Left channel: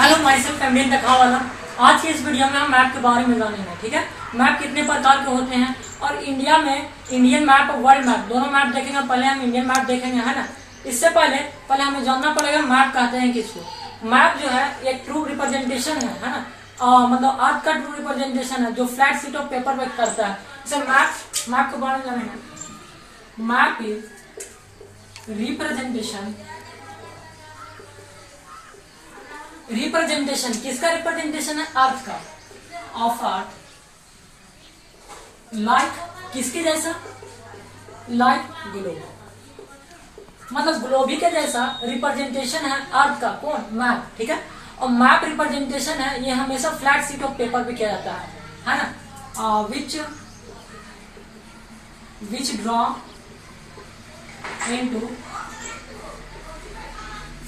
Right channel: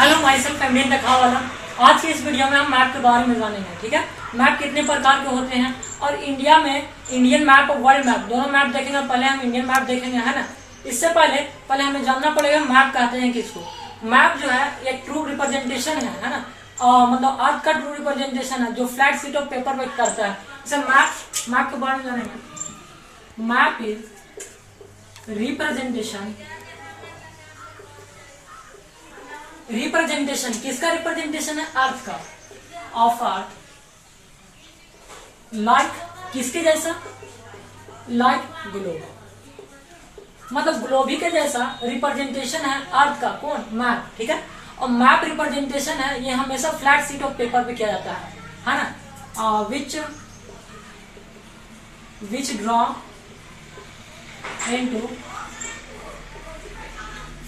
Hello my self एमडीएन वाला। आज की इस वीडियो में हम मैप के बारे में जानेंगे। ठीक है, मैप कितने प्रकार के होते हैं और इंडिया में इंडियन मैप और वर्ल्ड मैप दोनों मैप देखेंगे। पहले हम इंडियन मैप देखेंगे, है ना। इससे पहले हमें जानना पड़ेगा मैप कहते हैं किसको। मैप जो है एक ट्रू रिप्रेजेंटेशन है ना। मतलब अर्थ का ट्रू रिप्रेजेंटेशन है जो फ्लैट शीट ऑफ पेपर पे करता है। इसे मैप के बारे में जानेंगे। मैप इज रिप्रेजेंटेशन किसका रिप्रेजेंटेशन है? अर्थ का। ऑफ अर्थ लाइक किसके जैसा? Like globe. मतलब ग्लोबी के जैसा रिप्रेजेंटेशन है अर्थ का। कौन? मैप। ठीक है, और मैप रिप्रेजेंटेशन है ये हमेशा फ्लैट शीट ऑफ पेपर पे किया जाता है ना। Which draw into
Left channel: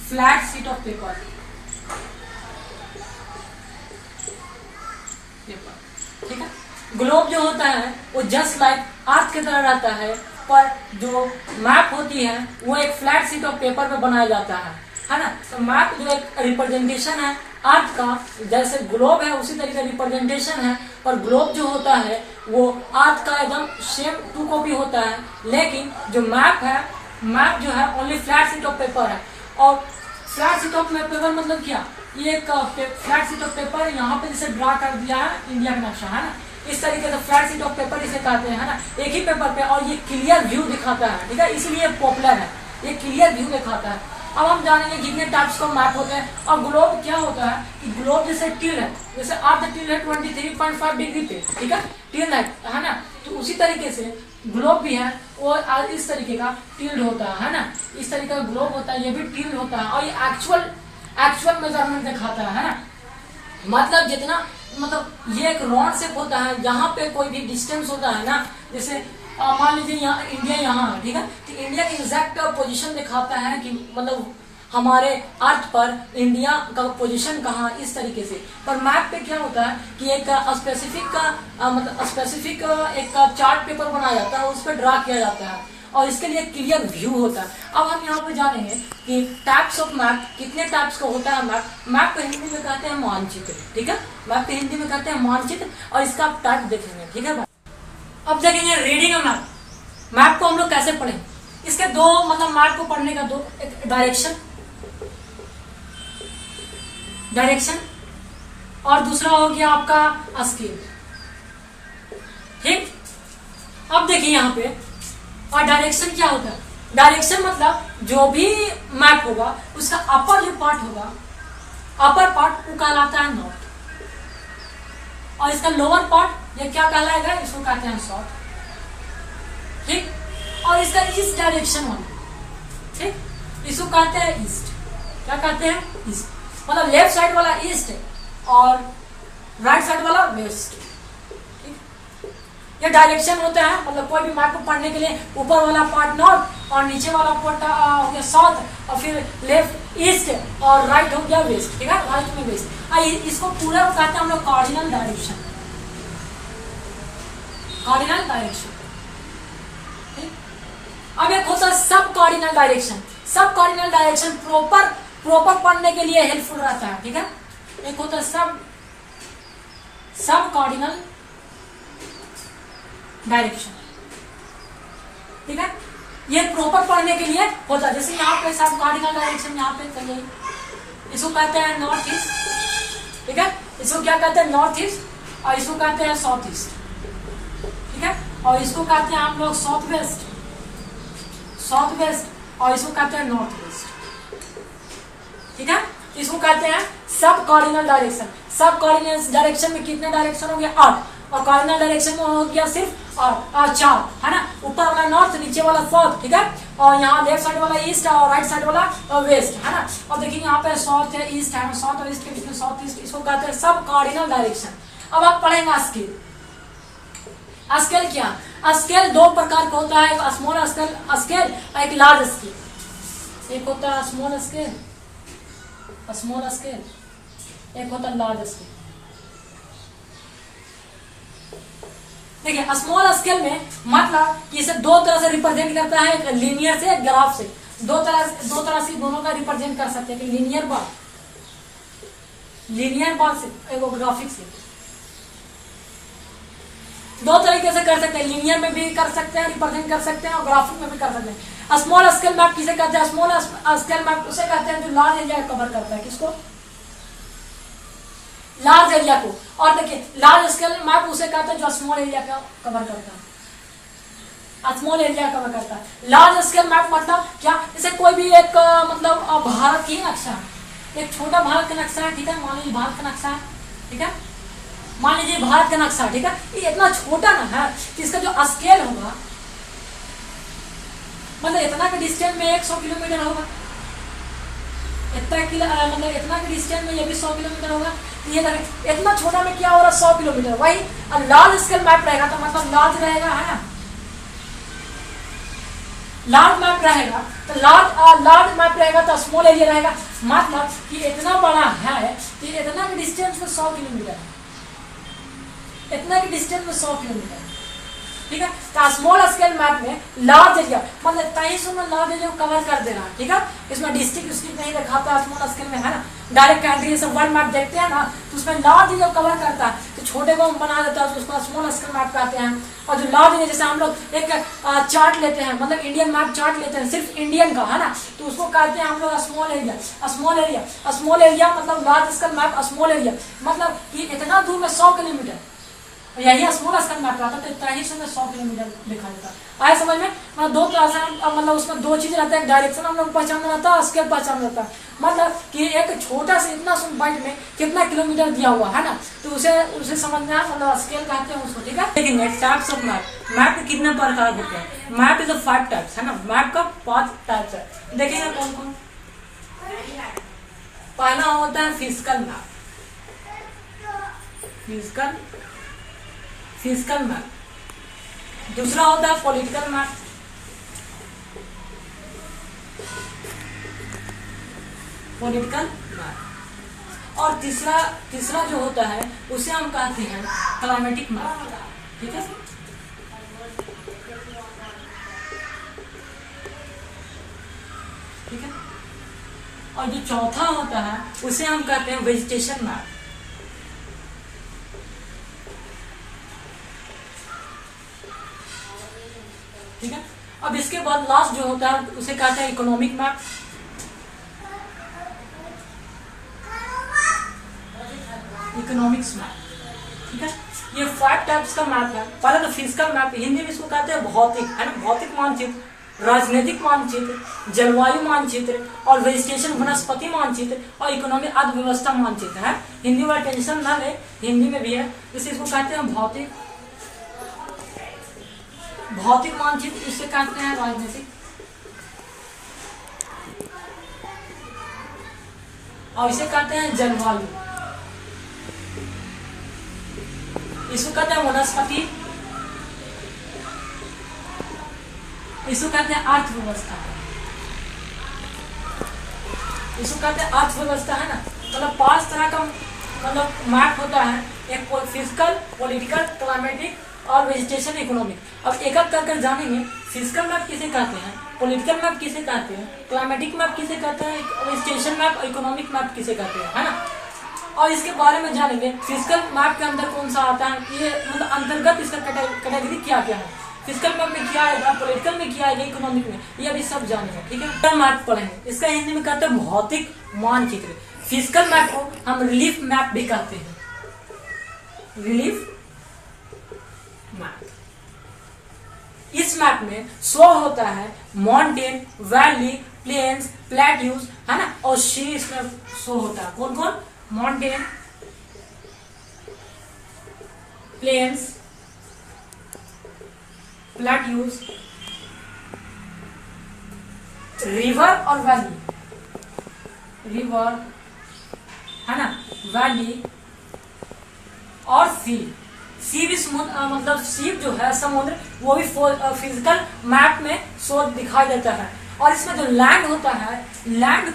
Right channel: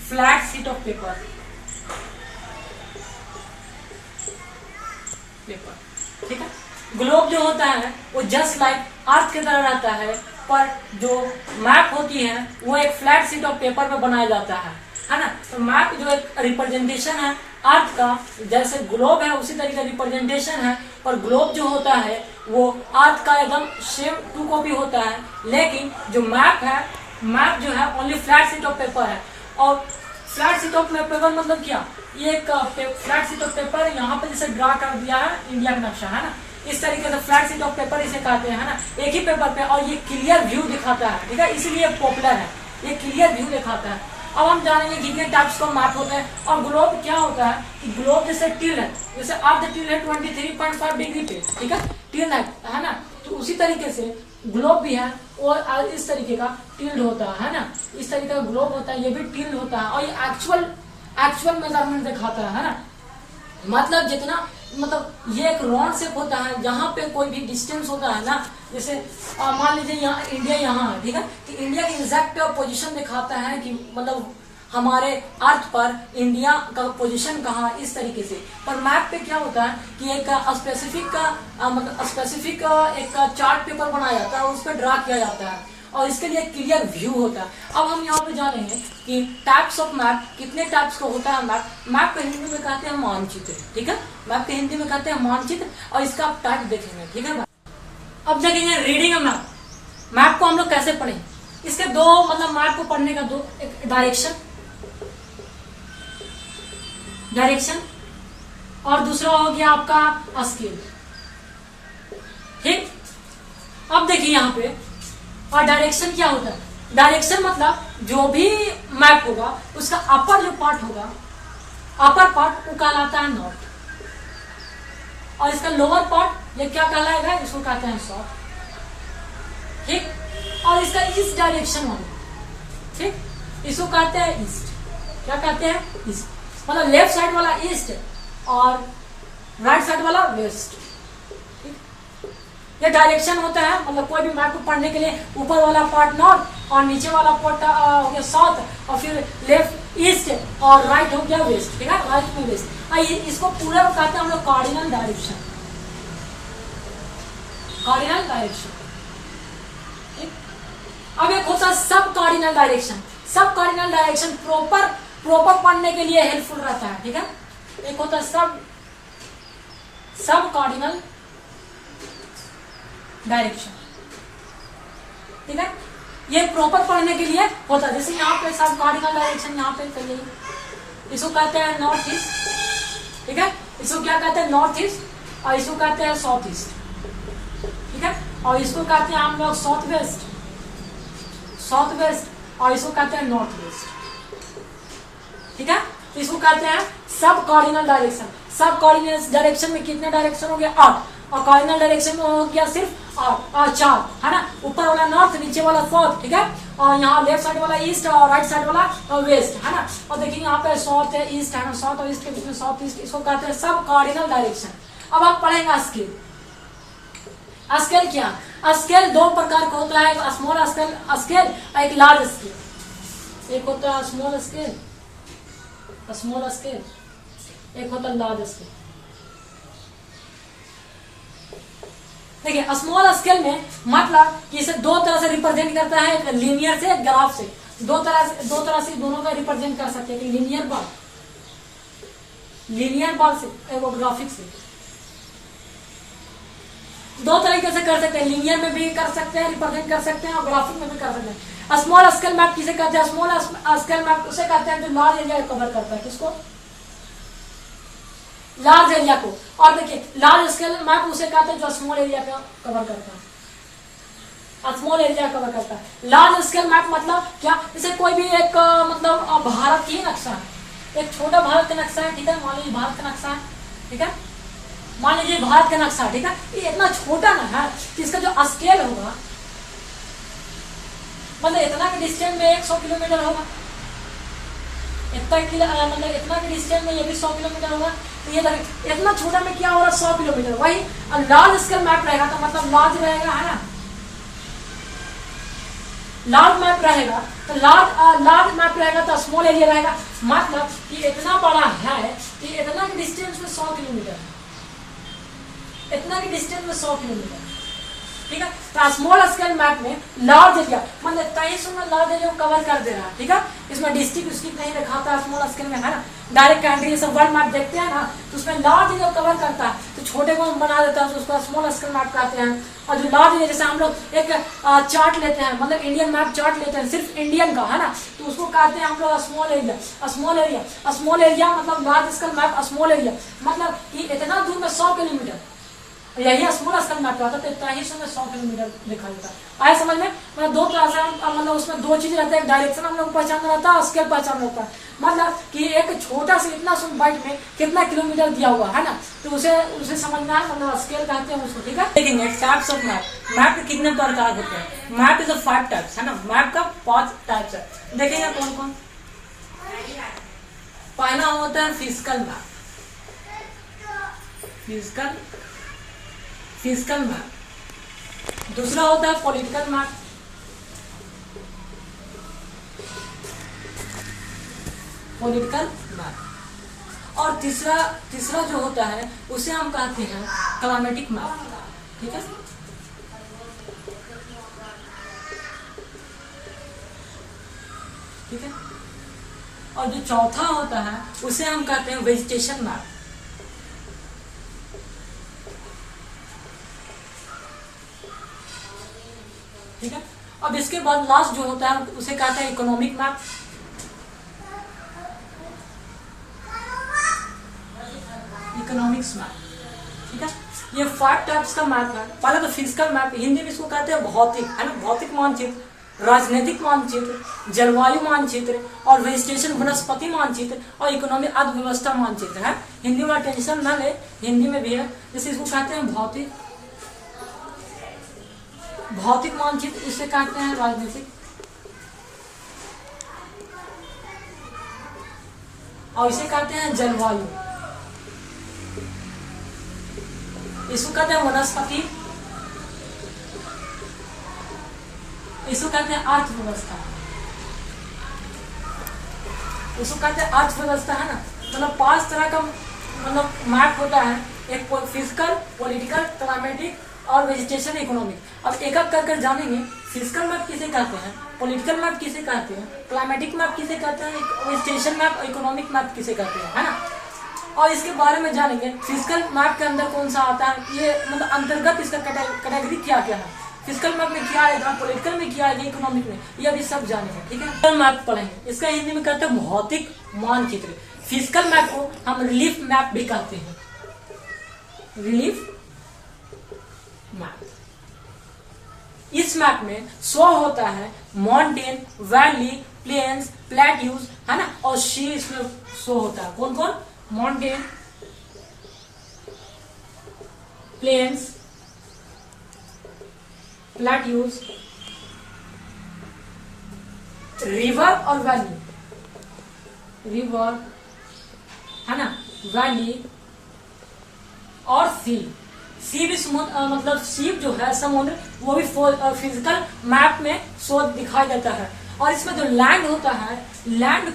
flat sheet of paper. ठीक है, ग्लोब जो होता है वो जस्ट लाइक अर्थ की तरह रहता है, पर जो मैप होती है वो एक फ्लैट शीट ऑफ पेपर पे बनाया जाता है ना। तो मैप जो एक रिप्रेजेंटेशन है अर्थ का, जैसे ग्लोब है उसी तरीके रिप्रेजेंटेशन है, पर ग्लोब जो होता है वो अर्थ का एकदम शेप टू कॉपी होता है। लेकिन जो मैप है, मैप जो है only flat sheet of paper है। और फ्लैट शीट ऑफ पेपर मतलब क्या? ये एक फ्लैट शीट ऑफ पेपर यहाँ पे इसे ड्रा कर दिया है इंडिया का नक्शा, है ना। इस तरीके से फ्लैट शीट ऑफ पेपर इसे कहते हैं, है ना। एक ही पेपर पे, और ये क्लियर व्यू दिखाता है। ठीक है, इसलिए पॉपुलर है, ये क्लियर व्यू दिखाता है। अब हम जानेंगे कितने टाइप्स का मैप होते हैं। और ग्लोब क्या होता है कि ग्लोब जैसे टिल है, जैसे अर्थ टिल है 23.5 डिग्री पे। ठीक है, टिल है ना। तो उसी तरीके से ग्लोब भी है, और इस तरीके का टिल्ड होता है ना। इस तरीके का ग्लोब होता है, ये भी टिल्ड होता है। और ये एक्चुअल मेजरमेंट दिखाता है ना। मतलब जितना, मतलब ये एक राउंड शेप होता है जहां पे कोई भी डिस्टेंस होता है ना। जैसे मान लीजिए यहाँ इंडिया यहाँ है, ठीक है, तो इंडिया की एग्जैक्ट पोजीशन दिखाता है कि मतलब हमारे अर्थ पर इंडिया का पोजीशन कहाँ, इस तरीके से। पर मैप पे क्या होता है कि एक स्पेसिफिक एक चार्ट पेपर बनाया जाता है, उस पर ड्रा किया जाता है, और इसके लिए क्लियर व्यू होता है। अब हम यहाँ पे जानेंगे कि टाइप्स ऑफ मैप, कितने टाइप्स का होता है मैप। मैप को हिंदी में कहते हैं मानचित्र। ठीक है, मैप को हिंदी में कहते हैं मानचित्र, और इसका आप टाइप देखेंगे। ठीक है भाई, अब देखेंगे रीडिंग मैप। मैप को हम लोग कैसे पढ़ेंगे? इसके दो, मतलब मैप को पढ़ने का दो, एक डायरेक्शन और दूसरा हो गया आपका स्केल। ठीक, अब देखिए यहाँ पे, और डायरेक्शन क्या होता है? डायरेक्शन मतलब जो भी मैप होगा उसका अपर जो पार्ट होगा, अपर पार्ट वो कहलाता है नॉर्थ, और इसका लोअर पार्ट ये क्या कहलाएगा? इसको कहते हैं साउथ। ठीक, और इसका इस डायरेक्शन वाला, ठीक, इसको कहते हैं ईस्ट। क्या कहते हैं? ईस्ट। मतलब लेफ्ट साइड वाला ईस्ट और राइट साइड वाला वेस्ट। ये डायरेक्शन होता है, मतलब कोई भी मैप को पढ़ने के लिए ऊपर वाला पार्ट नॉर्थ और नीचे वाला पार्ट हो गया साउथ, और फिर लेफ्ट ईस्ट और राइट हो गया वेस्ट। ठीक है, राइट में वेस्ट। इसको पूरा कहते हैं हम लोग कार्डिनल डायरेक्शन। Cardinal direction. अब एक होता है सब कार्डिनल डायरेक्शन। सब कार्डिनल डायरेक्शन प्रॉपर पढ़ने के लिए हेल्पफुल रहता है। ठीक है, एक होता है सब कार्डिनल डायरेक्शन। ठीक है, ये प्रॉपर पढ़ने के लिए होता है। जैसे यहाँ पे सब कार्डिनल डायरेक्शन यहाँ पे चाहिए, इसको कहते हैं नॉर्थ ईस्ट। ठीक है, इसको क्या कहते हैं? नॉर्थ ईस्ट, और इसको कहते हैं साउथ ईस्ट। ठीक है, और इसको कहते हैं हम लोग साउथ वेस्ट, और इसको कहते हैं नॉर्थ वेस्ट। ठीक है, इसको कहते हैं सब कार्डिनल डायरेक्शन। सब कार्डिनल डायरेक्शन में कितने डायरेक्शन हो गया? 8, और कार्डिनल डायरेक्शन में हो गया सिर्फ 4, है ना। ऊपर वाला नॉर्थ, नीचे वाला साउथ। ठीक है, और यहाँ लेफ्ट साइड वाला ईस्ट और राइट साइड वाला वेस्ट, है ना। और देखिए यहाँ पे साउथ है, ईस्ट है, साउथ और ईस्ट के बीच में साउथ ईस्ट, इसको कहते हैं सब कार्डिनल डायरेक्शन। अब आप पढ़ेंगे स्केल। स्केल क्या? स्केल दो प्रकार का होता है, एक स्मॉल स्केल और एक लार्ज स्केल। एक होता है स्मॉल स्केल, एक होता है लार्ज स्केल। देखिए, स्मॉल स्केल में मतलब कि इसे दो तरह से रिप्रेजेंट करता है, एक लीनियर से, एक ग्राफ से। दो तरह से दोनों का रिप्रेजेंट कर सकते हैं। लीनियर बात लीनियर और ग्राफिक से। दो तरीके से कर सकते हैं, लीनियर में भी कर सकते हैं, रिप्रेजेंट कर सकते हैं, और ग्राफिक में भी कर सकते हैं। स्मॉल स्केल मैप किसे कहते हैं? स्मॉल स्केल मैप उसे कहते हैं जो लार्ज एरिया कवर करता है। किसको? लार्ज एरिया को। और देखिए लार्ज स्केल मैप उसे कहते हैं जो स्मॉल एरिया का कवर करता है, स्मॉल एरिया कवर करता है। लार्ज स्केल मैप मतलब क्या? जैसे कोई भी एक मतलब भारत की नक्शा है, एक छोटा भारत का नक्शा है, ठीक है, मान लीजिए भारत का नक्शा है, ठीक है, मान लीजिए भारत का नक्शा, ठीक है, ये इतना छोटा ना है कि इसका जो स्केल होगा मतलब इतना के डिस्टेंस में 100 किलोमीटर होगा, मतलब इतना के डिस्टेंस में ये भी 100 किलोमीटर होगा। तो ये देखिए इतना छोटा में क्या हो रहा है? 100 किलोमीटर। वही लार्ज स्केल मैप रहेगा तो मतलब लार्ज रहेगा, है ना, लार्ज मैप रहेगा तो लार्ज मैप रहेगा तो स्मॉल एरिया रहेगा। मतलब कि इतना बड़ा है कि इतना के डिस्टेंस में 100 किलोमीटर है, इतना के डिस्टेंस में 100 किलोमीटर, ठीक है। तो स्मॉल स्केल मैप में लार्ज एरिया मतलब 2300 में लार्ज एरिया कवर कर देगा, ठीक है। इसमें डिस्ट्रिक्ट नहीं दिखाता है स्मॉल स्केल में, है ना, डायरेक्ट कंट्री सब वर्ल्ड मैप देखते हैं ना, तो उसमें लार्ज एरिया कवर करता है, तो छोटे को हम बना देता है तो उसको स्मॉल स्केल मैप कहते हैं। और जो लार्ज एरिया, जैसे हम लोग एक चार्ट लेते हैं, मतलब इंडियन मैप चार्ट लेते हैं सिर्फ इंडियन का, है ना, तो उसको कहते हैं हम लोग स्मॉल एरिया। स्मॉल एरिया मतलब large scale map small area मतलब कि इतना दूर में 100 किलोमीटर, यही स्मॉल स्केल मैप रहता है, तो इतना ही समय 100 किलोमीटर दिखा देता है। आए समझ में? मतलब दो क्लास है, मतलब उसमें दो चीज रहता है, डायरेक्शन हम लोग पहचानना रहता है, स्केल पहचानना रहता है। मतलब कि एक छोटा से इतना सुन बाइट में कितना किलोमीटर दिया हुआ है ना, तो उसे समझना है, मतलब स्केल कहते हैं उसको, ठीक है। देखेंगे टाइप्स ऑफ मैप। मैप के कितने प्रकार होते हैं? मैप इज 5 टाइप्स, है ना, मैप का 5 टाइप्स है। देखेंगे कौन कौन। पहला होता है फिजिकल मैप, फिजिकल मैप। दूसरा होता है पॉलिटिकल मैप, और तीसरा जो होता है उसे हम कहते हैं क्लाइमेटिक मैप, ठीक है। ठीक है, और जो चौथा होता है उसे हम कहते हैं वेजिटेशन मैप। ठीक है, अब इसके बाद लास्ट जो होता है उसे कहते हैं इकोनॉमिक मैप। इकोनॉमिक्स मैप, ठीक है। ये 5 टाइप्स का मैप है। पहले तो फिजिकल मैप, हिंदी में इसको कहते हैं भौतिक, है ना, भौतिक मानचित्र, राजनीतिक मानचित्र, जलवायु मानचित्र, और वेजिटेशन वनस्पति मानचित्र, और इकोनॉमिक अर्थव्यवस्था मानचित्र है। हिंदी में टेंशन ना ले, हिंदी में भी है, जिसे इसको कहते हैं भौतिक मानचित्र, इसे कहते हैं राजनीतिक, और इसे कहते हैं जलवायु, इसको कहते हैं वनस्पति, इसको कहते हैं अर्थव्यवस्था, इसको कहते हैं अर्थव्यवस्था, है ना। मतलब 5 तरह का मतलब मैप होता है, एक फिजिकल, पॉलिटिकल, क्लाइमेटिक और वेजिटेशन इकोनॉमिक। अब एक एक कर जानेंगे। फिजिकल मैप किसे कहते हैं, पॉलिटिकल मैप किसे कहते हैं, क्लाइमेटिक मैप किसे कहते हैं, वेजिटेशन मैप और इकोनॉमिक मैप किसे कहते हैं, है ना। और इसके बारे में जानेंगे फिजिकल मैप के अंदर कौन सा आता है, ये मतलब अंतर्गत इसका कैटेगरी क्या क्या है, फिजिकल मैप में क्या आएगा, पॉलिटिकल में क्या आएगा, इकोनॉमिक में, ये अभी सब जानेंगे, ठीक है। मैप पढ़ेंगे, इसका हिंदी में कहते हैं भौतिक मानचित्र। फिजिकल मैप को हम रिलीफ मैप भी कहते हैं, रिलीफ मैप। इस मैप में शो होता है माउंटेन, वैली, प्लेन्स, प्लेट्यूज, है ना, और सी इसमें शो होता है। कौन कौन? माउंटेन, प्लेन्स, प्लेट्यूज, रिवर और वैली, रिवर, है ना, वैली और सी। सी भी मतलब सी जो है समुद्र, वो भी फिजिकल मैप में शो दिखाई देता है। और इसमें जो लैंड होता है, लैंड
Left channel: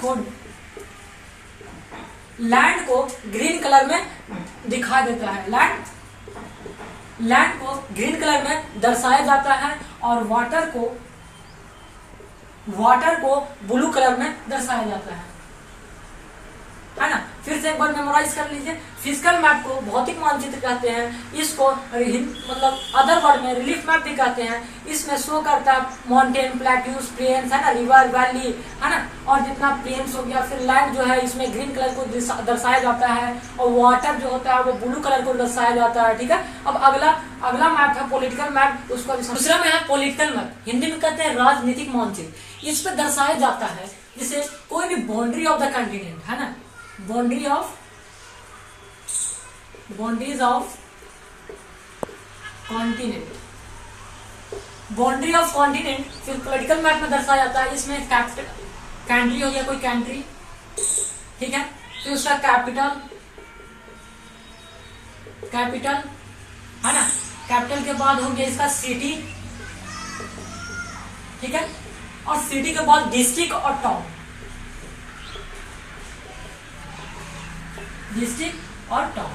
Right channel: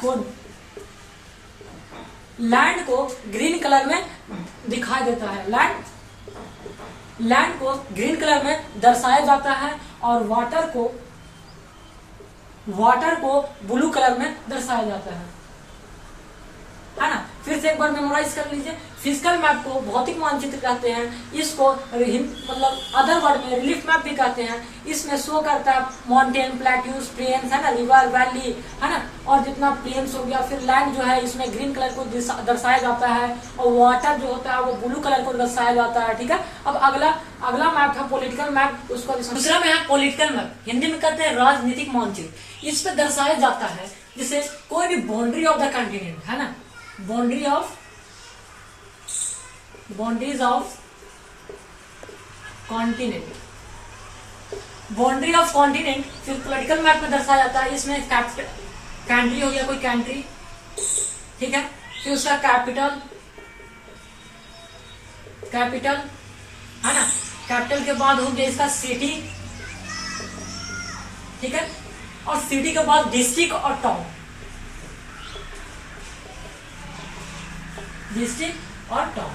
को ग्रीन कलर में दिखाई देता है, लैंड को ग्रीन कलर में दर्शाया जाता है, और वाटर को ब्लू कलर में दर्शाया जाता है ना। फिर से एक बार मेमोराइज कर लीजिए। फिजिकल मैप को भौतिक मानचित्र कहते हैं, इसको मतलब अदर वर्ड में रिलीफ मैप भी कहते हैं। इसमें शो करता है माउंटेन, प्लेट्यूज, प्लेन्स है ना, रिवर, वैली है ना, और जितना प्लेन्स हो गया। फिर लैंड जो है इसमें ग्रीन कलर को दर्शाया जाता है, और वाटर जो होता है वो ब्लू कलर को दर्शाया जाता है। ठीक है, अब अगला मैप है पॉलिटिकल मैप, उसको दूसरा में है पॉलिटिकल मैप, हिंदी में कहते हैं राजनीतिक मानचित्र। इस पर दर्शाया जाता है जिसे कोई भी बाउंड्री ऑफ द कंटिनेंट है ना, boundaries of continent, boundary of continent फिर पॉलिटिकल मैप में दर्शाया जाता है। इसमें कंट्री हो गया, कोई कंट्री, ठीक है, फिर उसका कैपिटल है ना, कैपिटल के बाद हो गया इसका सिटी, ठीक है, और सिटी के बाद डिस्ट्रिक्ट और टाउन, डिस्ट्रिक्ट और टाउन,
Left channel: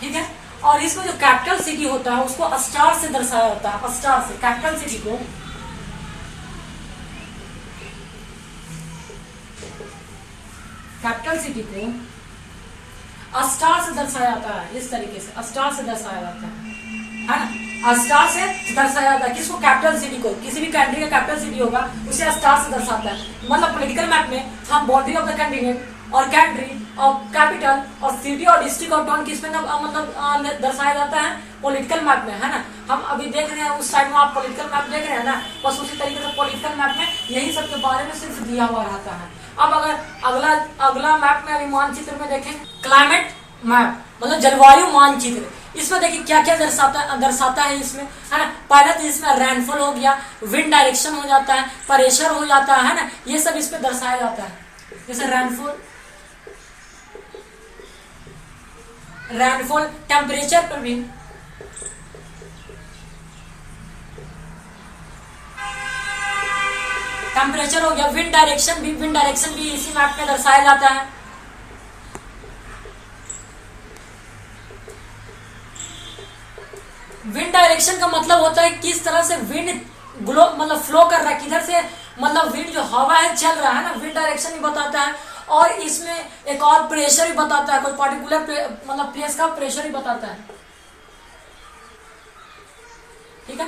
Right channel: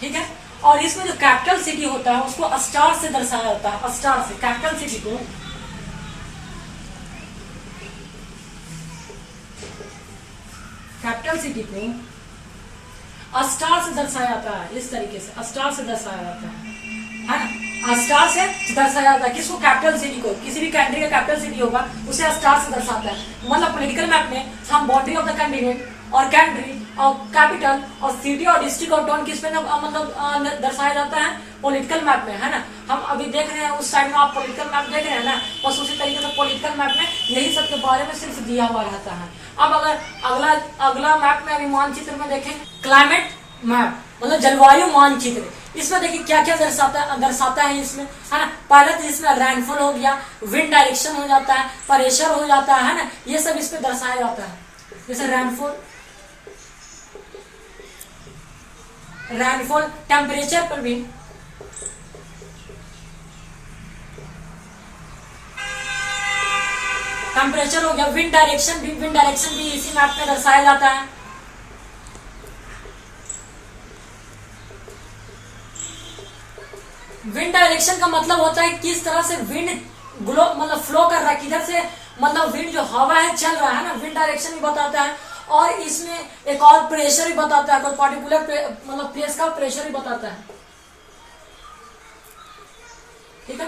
ठीक है। और इसमें जो कैपिटल सिटी होता है उसको स्टार से दर्शाया होता है, स्टार से कैपिटल सिटी को स्टार से दर्शाया जाता है। इस तरीके से स्टार से दर्शाया जाता है ना, स्टार से दर्शाया जाता है किसको, कैपिटल सिटी को। किसी भी कंट्री का कैपिटल सिटी होगा उसे स्टार से दर्शाता है। मतलब पॉलिटिकल मैप में हम बाउंड्री ऑफ द कंटिनेंट और कंट्री और कैपिटल और सिटी और डिस्ट्रिक्ट और टाउन किसमें मतलब दर्शाया जाता है, पॉलिटिकल मैप में, है ना। हम अभी देख रहे हैं उस साइड में आप पॉलिटिकल मैप देख रहे हैं ना, बस उसी तरीके से पॉलिटिकल मैप में यही सब के बारे में सिर्फ दिया हुआ रहता है। अब अगर अगला मैप में अभी मानचित्र में देखें, क्लाइमेट मैप मतलब जलवायु मानचित्र। इसमें देखिए क्या क्या दर्शाता है इसमें, है ना। पहले तो इसमें रेनफॉल हो गया, विंड डायरेक्शन हो जाता है, प्रेशर हो जाता है ना, ये सब इसमें दर्शाया जाता है। जैसे रेनफॉल टेम्परेचर पर भी, टेम्परेचर हो गया, विंड डायरेक्शन भी इसी मैप में दर्शाया जाता है। विंड डायरेक्शन का मतलब होता है किस तरह से विंड मतलब फ्लो कर रहा है, किधर से मतलब विंड जो हवा है चल रहा है ना, विंड डायरेक्शन भी बताता है। और इसमें एक और प्रेशर भी बताता है, कोई पर्टिकुलर मतलब प्लेस का प्रेशर भी बताता है, ठीक है।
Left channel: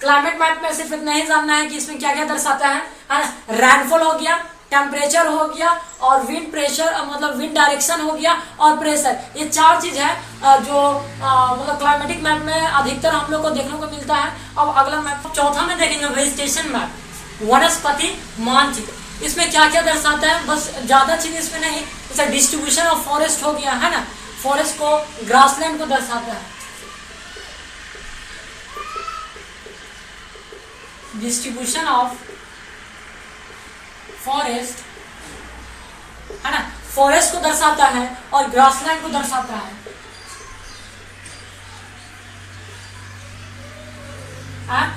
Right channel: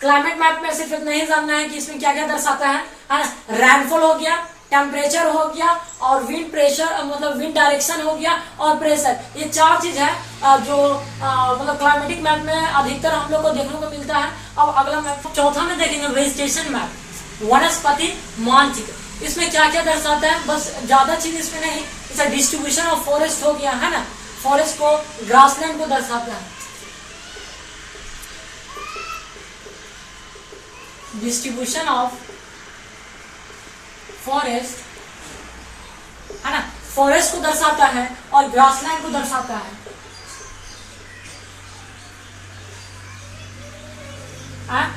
क्लाइमेट मैप में सिर्फ इतना ही जानना है कि इसमें क्या क्या दर्शाता है ना। रेनफॉल हो गया, टेम्परेचर हो गया, और विंड प्रेशर मतलब विंड डायरेक्शन हो गया, और प्रेशर। ये चार चीज है जो मतलब क्लाइमेटिक मैप में अधिकतर हम लोग को देखने को मिलता है। अब अगला मैप चौथा में देखेंगे वेजिटेशन मैप, वनस्पति मानचित्र। इसमें क्या क्या दर्शाता है, बस ज्यादा चीज इसमें नहीं, जैसे डिस्ट्रीब्यूशन ऑफ फॉरेस्ट हो गया, है ना, फॉरेस्ट को ग्रासलैंड को दर्शाता है, डिस्ट्रीब्यूशन ऑफ फॉरेस्ट, है ना, फॉरेस्ट को दर्शाता है और ग्रासलैंड को दर्शाता है।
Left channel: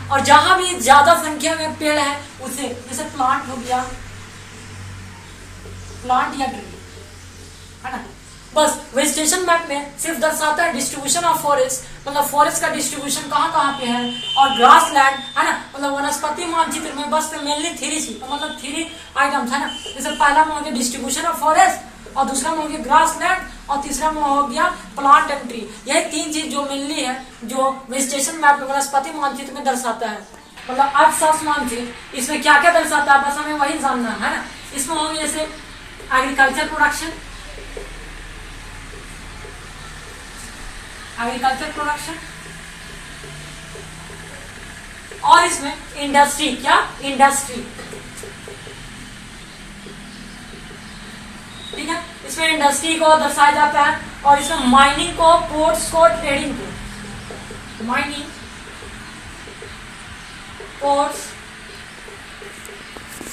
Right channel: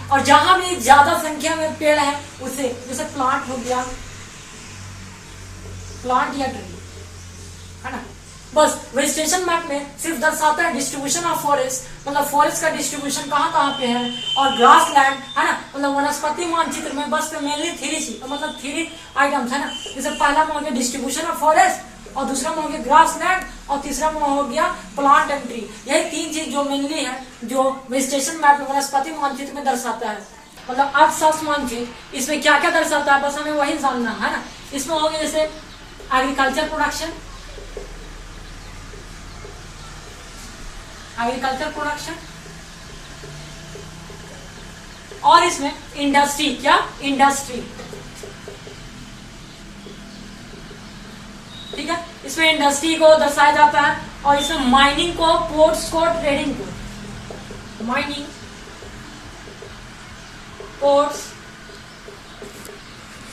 और जहां भी ज्यादा संख्या में पेड़ है उसे, जैसे प्लांट हो गया, प्लांट या ट्री, है ना। बस वेजिटेशन मैप में सिर्फ दर्शाता है डिस्ट्रीब्यूशन ऑफ फॉरेस्ट, मतलब फॉरेस्ट का डिस्ट्रीब्यूशन कहाँ कहाँ पे है, और ग्रास लैंड, है ना, मतलब वनस्पति मानचित्र में बस मेनली थ्री चीज, मतलब थ्री आइटम्स, है ना। जैसे पहला में हो गया डिस्ट्रीब्यूशन ऑफ फॉरेस्ट, और दूसरा में हो गया ग्रास लैंड, और तीसरा में हो गया प्लांट एंड ट्री। यही तीन चीज जो मेनली है जो वेजिटेशन मैप में वनस्पति मानचित्र में दर्शाता है। मतलब अर्थशास्त्र मानचित्र इसमें क्या क्या दर्शाता है, बस हमें वही जानना है ना। इसमें हो गया जैसे एग्रीकल्चर प्रोडक्शन, और इसमें इंडस्ट्री, क्या इंडस्ट्री, ठीक है, इसमें इंडस्ट्री को दर्शाया जाता है। और इसमें माइनिंग को, पोर्ट्स को, ट्रेडिंग को, माइनिंग, पोर्ट्स,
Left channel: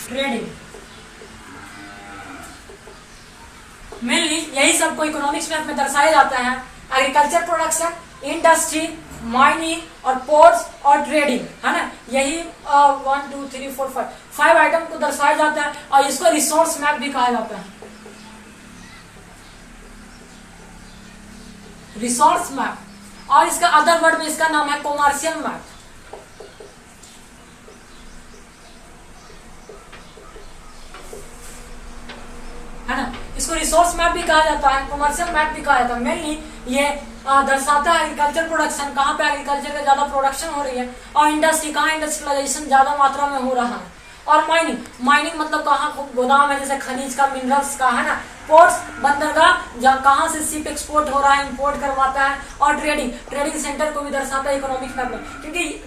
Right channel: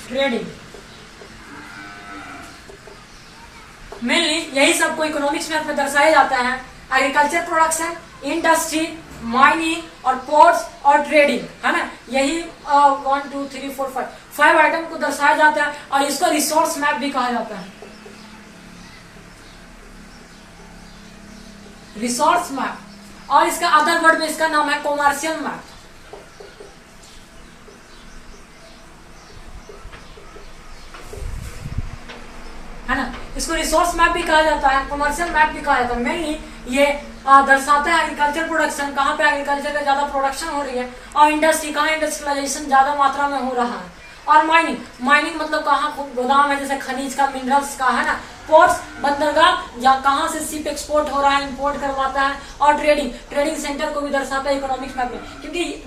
ट्रेडिंग, मेनली यही सबको इकोनॉमिक्स में अपने दर्शाया जाता है। एग्रीकल्चर प्रोडक्शन, इंडस्ट्री, माइनिंग और पोर्ट्स और ट्रेडिंग, है ना। यही 1 2 3 4 5 आइटम को दर्शाया जाता है, और इसको रिसोर्स मैप भी कहा जाता है, रिसोर्स मैप। और इसका अदर वर्ड में इसका नाम है कॉमर्शियल मैप, है ना। इसको रिसोर्स मैप भी कहा जाता है, कमर्शियल मैप भी कहा जाता है। मेनली ये दर्शाता है एग्रीकल्चर प्रोडक्शन, कहाँ पे एग्रीकल्चर का ज्यादा प्रोडक्शन हो रही है, और इंडस्ट्री कहाँ इंडस्ट्रियलाइजेशन ज्यादा मात्रा में हो रहा है, और माइनिंग मतलब कहाँ गोदाम है, जैसे खनिज का, मिनरल्स का, है ना। पोर्ट्स बंदरगाह, जहाँ कहाँ से शिप एक्सपोर्ट हो रहा है, इंपोर्ट करवाता है, और ट्रेडिंग सेंटर को भी दर्शाता है इकोनॉमिक मैप में, क्योंकि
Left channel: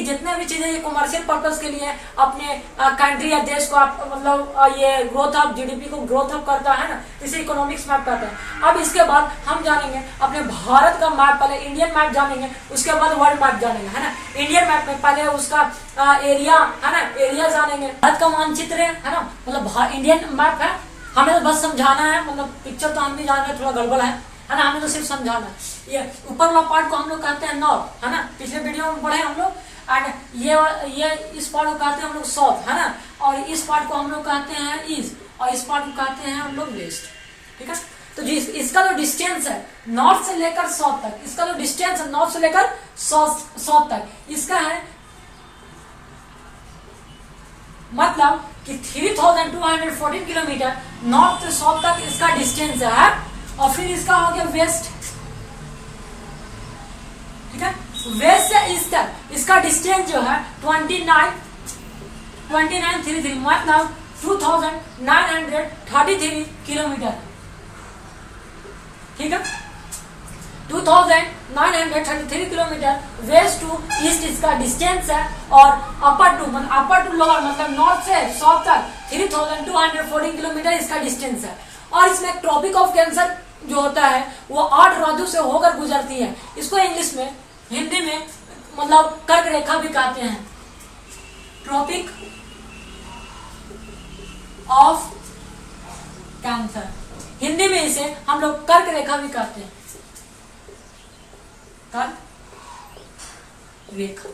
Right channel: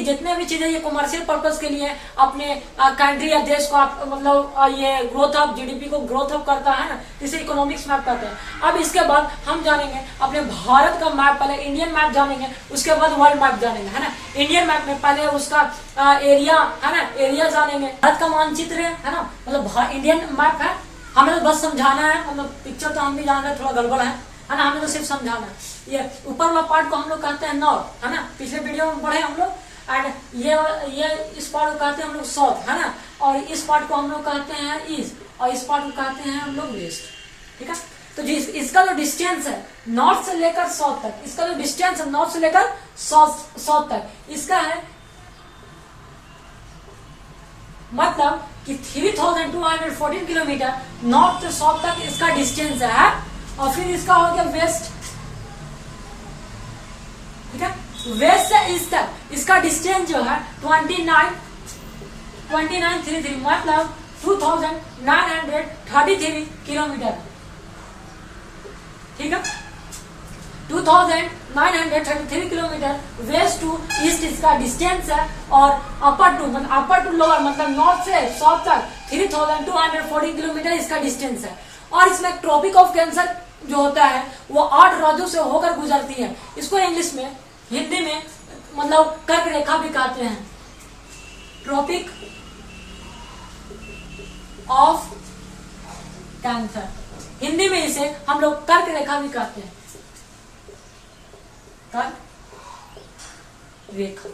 जितने भी चीजें ये कमर्शियल पर्पस के लिए अपने कंट्री या देश को मतलब ये ग्रोथ ऑफ जीडीपी को ग्रोथ अप करता है ना, इसे इकोनॉमिक्स मैप कहते हैं। अब इसके बाद हम जानेंगे अपने भारत का मैप, पहले इंडियन मैप जानेंगे, उसके बाद वर्ल्ड मैप जानेंगे, है ना। इंडियन मैप में पहले उसका एरिया, है ना, एरिया जानेंगे, भारत का मानचित्र है ना, मतलब इंडियन मैप है, हमें तो बस समझाना है, मतलब पिक्चर तो हम भी जान रहे हैं थोड़ा गड़बड़ है ना, हमें तो सिर्फ समझाना है। ये ऊपर वाला पार्ट को हम लोग कहते हैं नॉर्थ, है ना, पिछले वीडियो में पढ़े हम लोग। एंड ये इस पार्ट को कहते हैं हम लोग साउथ, है ना, और इस पार्ट को हम लोग कहते हैं ईस्ट, और इस पार्ट को कहते हैं हम लोग वेस्ट, ठीक है। तो इसका जो डिस्टेंस है नॉर्थ से लेकर साउथ तक, इसका जो डिस्टेंस है नॉर्थ से लेकर साउथ तक, इसका है मतलब कि 3214 किलोमीटर नॉर्थ से साउथ तक इसका डिस्टेंस है। और फिर इसका हो गया वेस्ट, ठीक है, वेस्ट से ईस्ट तक इसका डिस्टेंस जो है 2933 मतलब 2933 किलोमीटर, ठीक है। 2933 किलोमीटर वेस्ट टू ईस्ट इसका डिस्टेंस है, और अपर टू लोअर मतलब नॉर्थ से साउथ तक 3214 किलोमीटर इसका डिस्टेंस है। और इसमें ट्रॉपिक ऑफ कैंसर जो होता है वो 8 राज्यों से होकर गुजरती है। इसको इंग्लिश में, हिंदी में मतलब कर्क रेखा भी कहते हैं, ट्रॉपिक ऑफ कैंसर, हिंदी में इसे हम लोग कर्क रेखा भी कहते हैं, कर्क रेखा,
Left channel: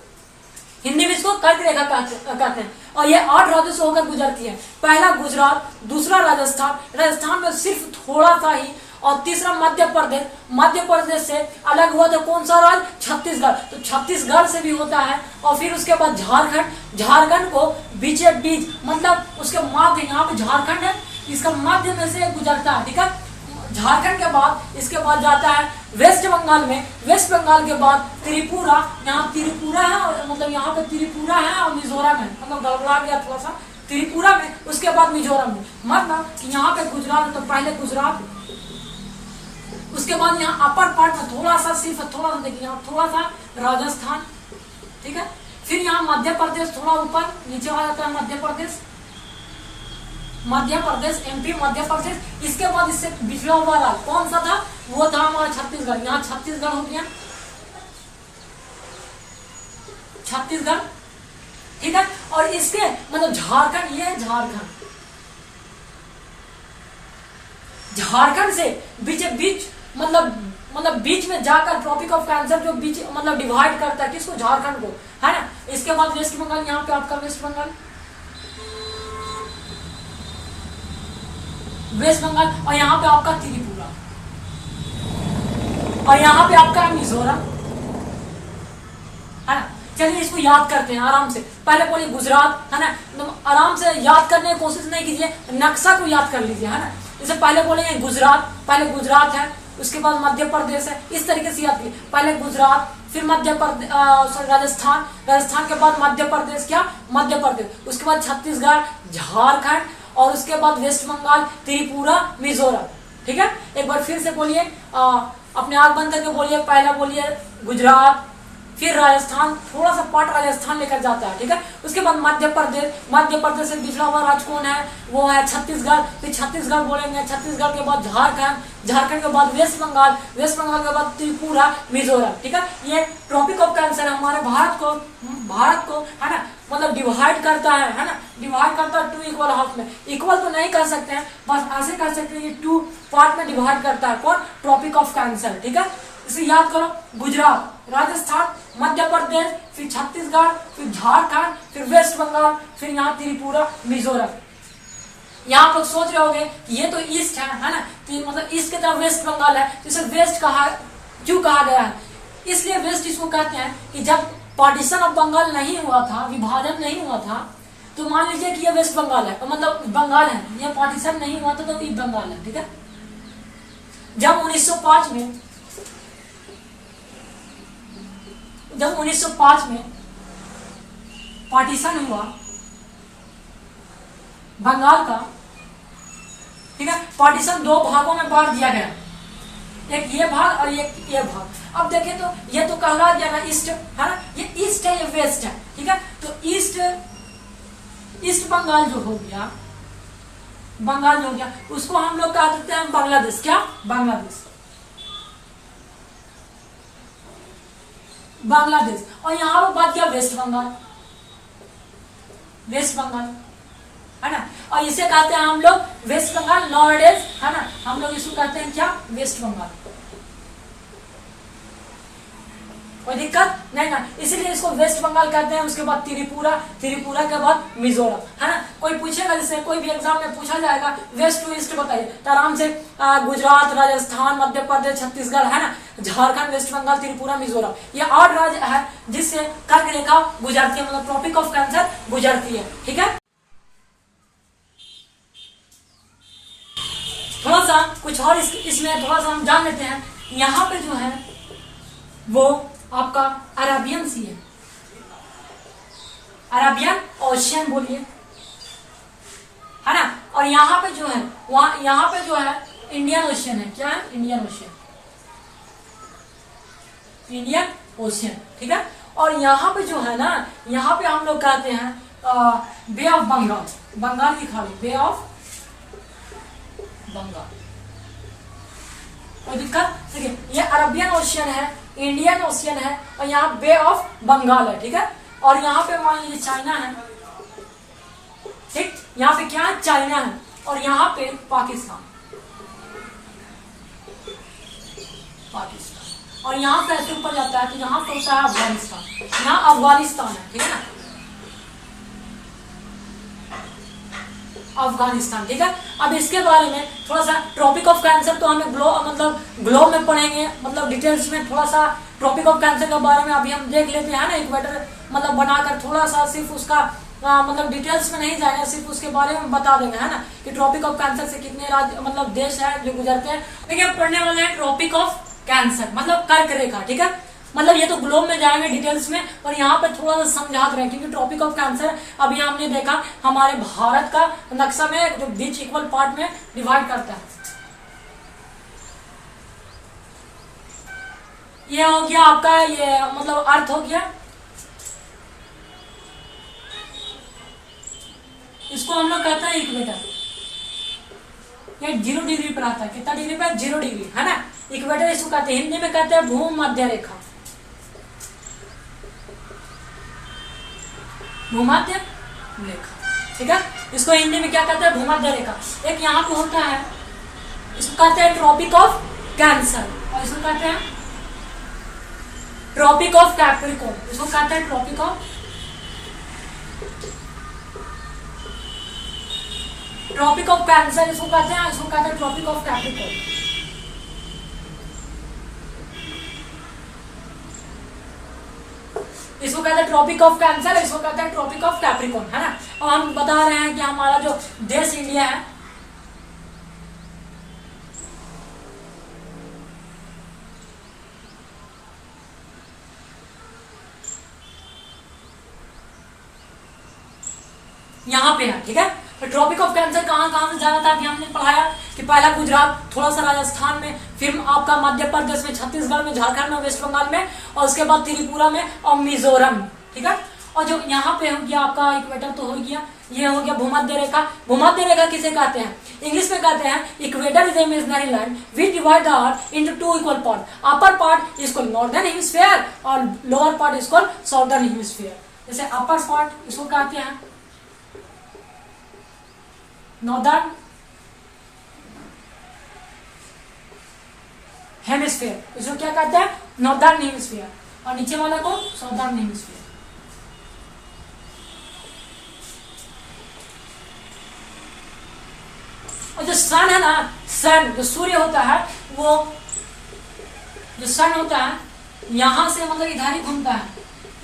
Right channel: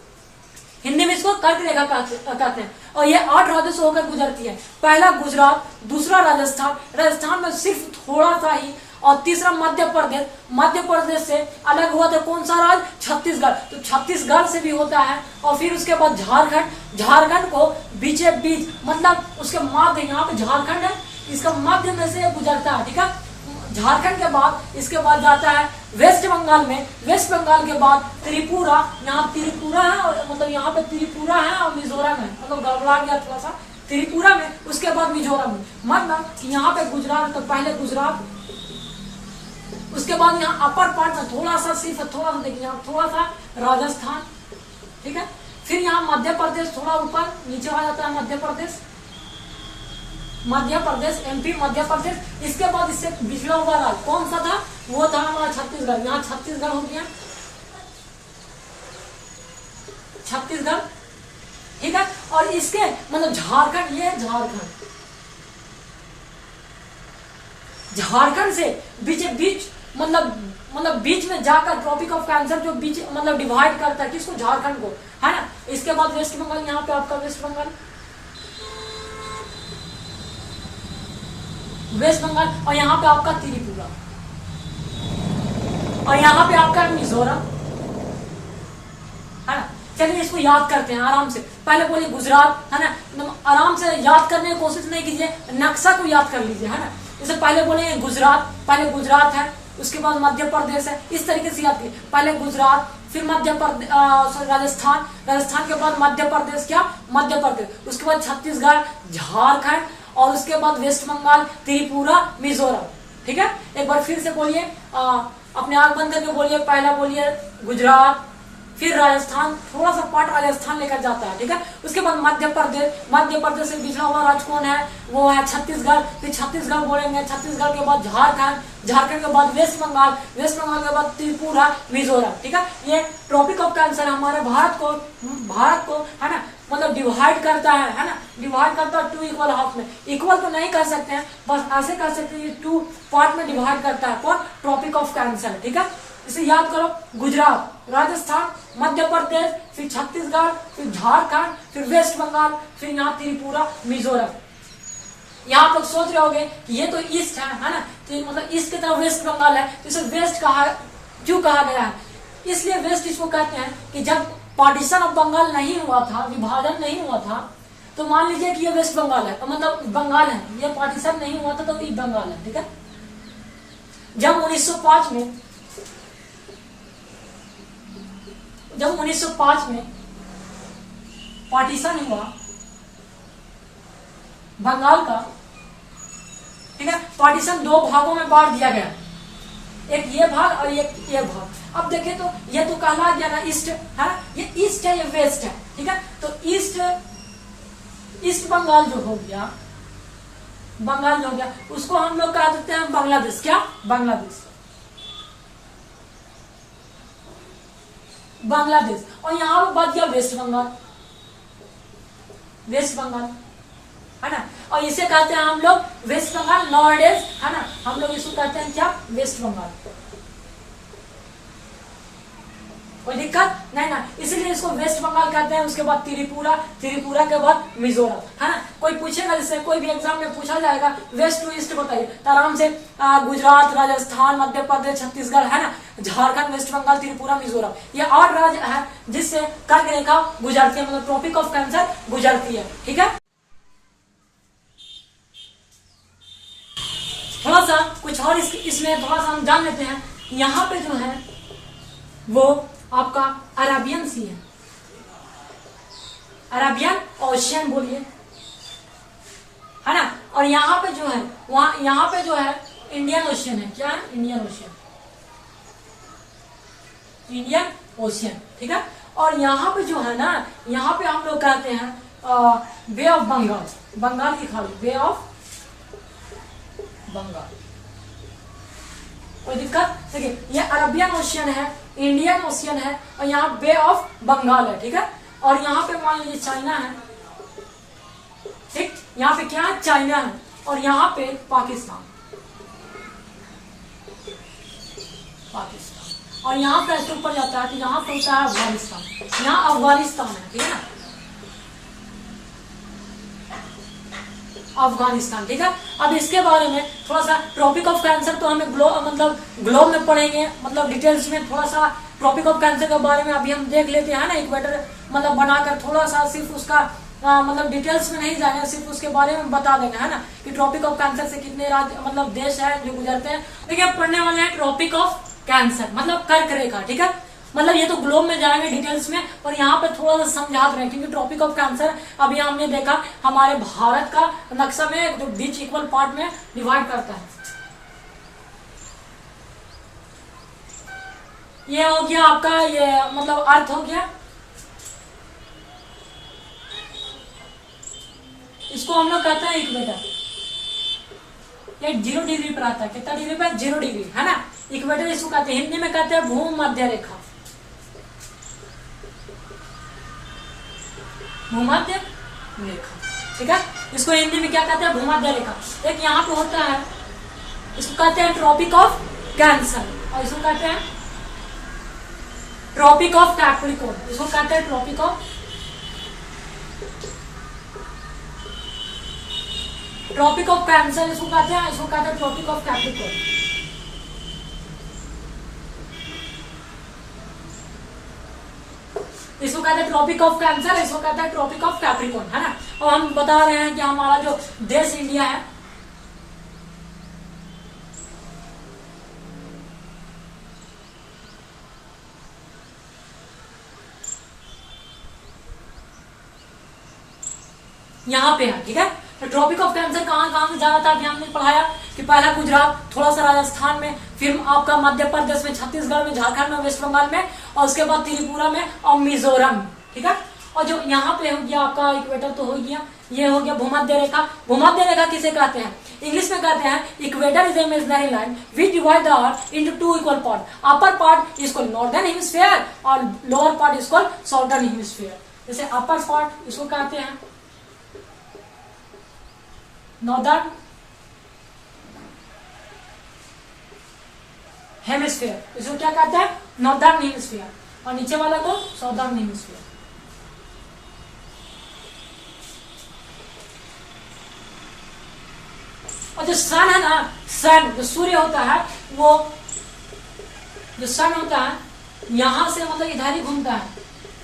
हिंदी में इसको कर्क रेखा कहते हैं। और ये 8 राज्यों से होकर गुजरती है। पहला गुजरात, दूसरा राजस्थान में सिर्फ थोड़ा सा ही, और तीसरा मध्य प्रदेश से अलग हुआ तो कौन सा राज्य, छत्तीसगढ़, तो छत्तीसगढ़ से भी होता है। और फिर उसके बाद झारखंड को बीचे बीच मतलब उसके मध्य, यहाँ पे झारखंड है, इसका मध्य में से गुजरता है, ठीक है। झारखंड के बाद इसके बाद जाता है वेस्ट बंगाल में, वेस्ट बंगाल के बाद त्रिपुरा, यहाँ त्रिपुरा है, मतलब यहाँ पे त्रिपुरा है और मिजोरम है, मतलब गड़बड़ा गया थोड़ा सा, त्रिपुरा में, उसके बाद मिजोरम में, मतलब यहाँ पे गुजरात है, तो पहले गुजरात, उसके बाद यहाँ अपर पार्ट में थोड़ा सा देखिए यहाँ थोड़ा सा राजस्थान, ठीक है। फिर यहाँ मध्य प्रदेश थोड़ा ऊपर नीचे आ जाता है, मध्य प्रदेश एमपी, मध्य प्रदेश। इसके बाद इससे पिछड़ा हुआ राज्य कौन सा था, वो था हमारा छत्तीसगढ़, यहाँ छत्तीसगढ़ हो गया, छत्तीसगढ़, ठीक है। और इसके मतलब झारखंड, ये झारखंड से बीच मतलब बीच में जाकर ट्रॉपिक ऑफ कैंसर जो बीच मतलब डिवाइड करता है किसको, झारखंड को, है ना। इसके बाद वेस्ट बंगाल, यहाँ पे आपका वेस्ट बंगाल, और यहाँ पे आपका त्रिपुरा, और यहाँ पे आपका मिजोरम, है ना। चलिए इसको याद करते हैं आराम से। पहले बोलिए गुजरात, है ना, आराम से याद करने की कोशिश नहीं कीजिए, नक्शा को याद कर लीजिए, है ना। इसे पहले बोलेंगे गुजरात, पहले गुजरात है, उसके बाद मध्य प्रदेश है, इस तरीके से याद कीजिए। पहले गुजरात, फिर मध्य प्रदेश, राजस्थान के बाद मध्य प्रदेश, उसके बाद छत्तीसगढ़, झारखंड, और उसके बाद वेस्ट बंगाल, त्रिपुरा, मिजोरम, ठीक है। एक बार फिर से बोलिए, अपने आंख बंद करके बोलिए, पहला बोलिए गुजरात, फिर राजस्थान, थोड़ा सा पार्ट राजस्थान लेकर जाता है, ठीक है। उसके बाद मध्य प्रदेश से पिछड़ा हुआ राज्य कौन है, वो है छत्तीसगढ़, फिर छत्तीसगढ़ बोलेंगे, छत्तीसगढ़ के बाद झारखंड के बाद वेस्ट बंगाल के बाद त्रिपुरा, मिजोरम, ठीक है। ये ट्रॉपिक ऑफ कैंसर हमारे भारत को है ना मतलब डिवाइड करता है ना, डिवाइड करता है 2 इक्वल हाफ में। इक्वल तो नहीं कर सकते हैं, बस ऐसे कर सकते हैं, ये 2 पार्ट में डिवाइड करता है कौन, ट्रॉपिक ऑफ कैंसर, ठीक है। इसे याद करो, गुजरात, राजस्थान, मध्य प्रदेश, फिर छत्तीसगढ़, फिर झारखंड, फिर वेस्ट बंगाल, फिर यहाँ त्रिपुरा, मिजोरम। यहाँ आप लोग सोच रहे होंगे कि ये तो ईस्ट है ना, कि मतलब ईस्ट की तरफ वेस्ट बंगाल है, तो इसे वेस्ट क्यों कहा गया है, इसलिए वेस्ट इसको कहते हैं कि जब पार्टीशन ऑफ बंगाल नहीं हुआ था, विभाजन नहीं हुआ था, तो मान लीजिए कि ये वेस्ट बंगाल है, मतलब बंगाल है, ये पार्टीशन नहीं हुआ था तो ये बंगाल है, ठीक है। जब 1905 में पार्टीशन हुआ बंगाल का, ठीक है, पार्टीशन दो भागों में बांट दिया गया, एक ये भाग और एक ये भाग। अब देखें तो ये तो कहला गया ना ईस्ट है, ये ईस्ट है, ये वेस्ट है, ठीक है। तो ईस्ट बंगाल जो हो गया, बंगाल हो गया, उसको हम लोग कह देते हैं बांग्लादेश। क्या? बांग्लादेश, बांग्लादेश। और यहां पर बच गया वेस्ट बंगाल, वेस्ट बंगाल, है ना। और इसे कहते हैं हम लोग वेस्ट बंगाल नॉर्डेज, है ना, हम लोग इसको कहते हैं क्या? वेस्ट बंगाल। कोई दिक्कत नहीं ना, इसीलिए इसको वेस्ट बंगाल कहते हैं। उसके बाद त्रिपुरा, त्रिपुरा के बाद मिजोरम, है ना। कोई पूछेगा, जैसे कोई भी एग्जाम में पूछा जाएगा वेस्ट टू ईस्ट बताइए, तो आराम से गुजरात, राजस्थान, मध्य प्रदेश, छत्तीसगढ़, है ना, झारखंड, वेस्ट बंगाल, त्रिपुरा, मिजोरम, ये 8 राज्य है जिससे कर्क रेखा गुजरती है, मतलब ट्रॉपिक ऑफ कैंसर गुजरती है, ठीक है। थोड़ा सा कुछ और इसमें थोड़ा सा हम जान लेते हैं। यहाँ पे जो है वो आपका अरेबियन सी है, अरेबियन ओशियन बोलिए, है ना। और यहाँ पे जो है, वहां यहाँ पे जो है इंडियन ओशियन है। क्या है? इंडियन ओशियन, इंडियन ओशियन, ठीक है। और यहाँ पे जो है ना, यहाँ पे हम लोग कहते हैं बे ऑफ बंगाल, बंगाल की खाड़ी, बे ऑफ बंगाल। कोई दिक्कत? देखिए ये अरबियन ओशियन है, इंडियन ओशियन है, और यहाँ बे ऑफ बंगाल है, ठीक है। और यहाँ पे मान लीजिए चाइना है, ठीक, यहाँ पे क्या है? चाइना है। और यहाँ पे पाकिस्तान, पाकिस्तान। और यहाँ पे ऐसे ऊपर जाता है कि यहाँ पे होता है अफगानिस्तान, यहाँ अफगानिस्तान है, ठीक है ना, अफगानिस्तान, ठीक है। अब इसके बारे में थोड़ा सा ट्रॉपिक ऑफ कैंसर तो हमें ग्लोब में पढ़ेंगे, मतलब डिटेल्स में थोड़ा सा ट्रॉपिक ऑफ कैंसर के बारे में अभी हम देख लेते हैं ना, इक्वेटर मतलब बनाकर थोड़ा सा सिर्फ उसका मतलब डिटेल्स में नहीं जाएगा, सिर्फ उसके बारे में बता देंगे, है ना, कि ट्रॉपिक ऑफ कैंसर से कितने राज्य मतलब देश है जो गुजरते हैं। देखिए अब पढ़ने वाले हैं ट्रॉपिक ऑफ कैंसर, मतलब कर्क रेखा, ठीक है। मतलब ये तो ग्लोब में जाएंगे डिटेल्स में, और यहाँ पर थोड़ा सा समझाते रहे, क्योंकि ट्रॉपिक ऑफ कैंसर अभी हमने देखा हमारे भारत का नक्शा में जो बीच इक्वल पार्ट में डिवाइड करता है। ये हो गया आपका, ये मतलब अर्थ हो गया, इसको हम लोग कहते हैं इक्वेटर। ये 0 डिग्री पर आता है, कितना डिग्री पर? 0 डिग्री, है ना। इक्वेटर इसको कहते हैं, हिंदी में कहते हैं भूमध्य रेखा, भूमध्य रेखा, ठीक है। इसको हिंदी में क्या कहते हैं? भूमध्य रेखा। एक यहाँ पे होता है, इसको कहते हैं ट्रॉपिक ऑफ कैंसर, और इसको कहते हैं ट्रॉपिक ऑफ कैप्रिकॉर्न, इसको कहते हैं ट्रॉपिक ऑफ कैंसर, इसको कहते हैं, इसको कहते हैं ट्रॉपिक ऑफ कैप्रिकॉर्न। इसको कहते हैं ट्रॉपिक ऑफ कैंसर, इसको कहते हैं ट्रॉपिक ऑफ कैप्रिकॉर्न, है ना। और हम बता रहे हैं कि हमारा जो देश इंडिया है, यहाँ पे है, ठीक है। तो ट्रॉपिक ऑफ कैंसर कहाँ से ज्यादा था कि हमने पढ़ाया कि पहला गुजरात, थोड़ा सा राजस्थान में, फिर आपका मध्य प्रदेश में, छत्तीसगढ़ में, झारखंड में, वेस्ट बंगाल में, और उसके बाद त्रिपुरा में और मिजोरम, ठीक है। और जो यहाँ पे हो गया आपका इक्वेटर तो हो गया, ये हो गया भूमध्य रेखा। भूमध्य रेखा किसे कहते हैं? इंग्लिश में कहते हैं equator is imaginary line which divide the earth into 2 equal part. Upper part is called northern hemisphere और lower part is called southern hemisphere. जैसे अपर पार्ट इसको कहते हैं नॉर्दर्न हेमिस्फीयर, इसको क्या कहते हैं? नॉर्दर्न हेमिस्फीयर, और नीचे वाला को साउदर्न हेमिस्फीयर। और जो सन है ना, सन जो सूर्य होता है, वो जो सन होता है यहां से मतलब इधर ही घूमता है,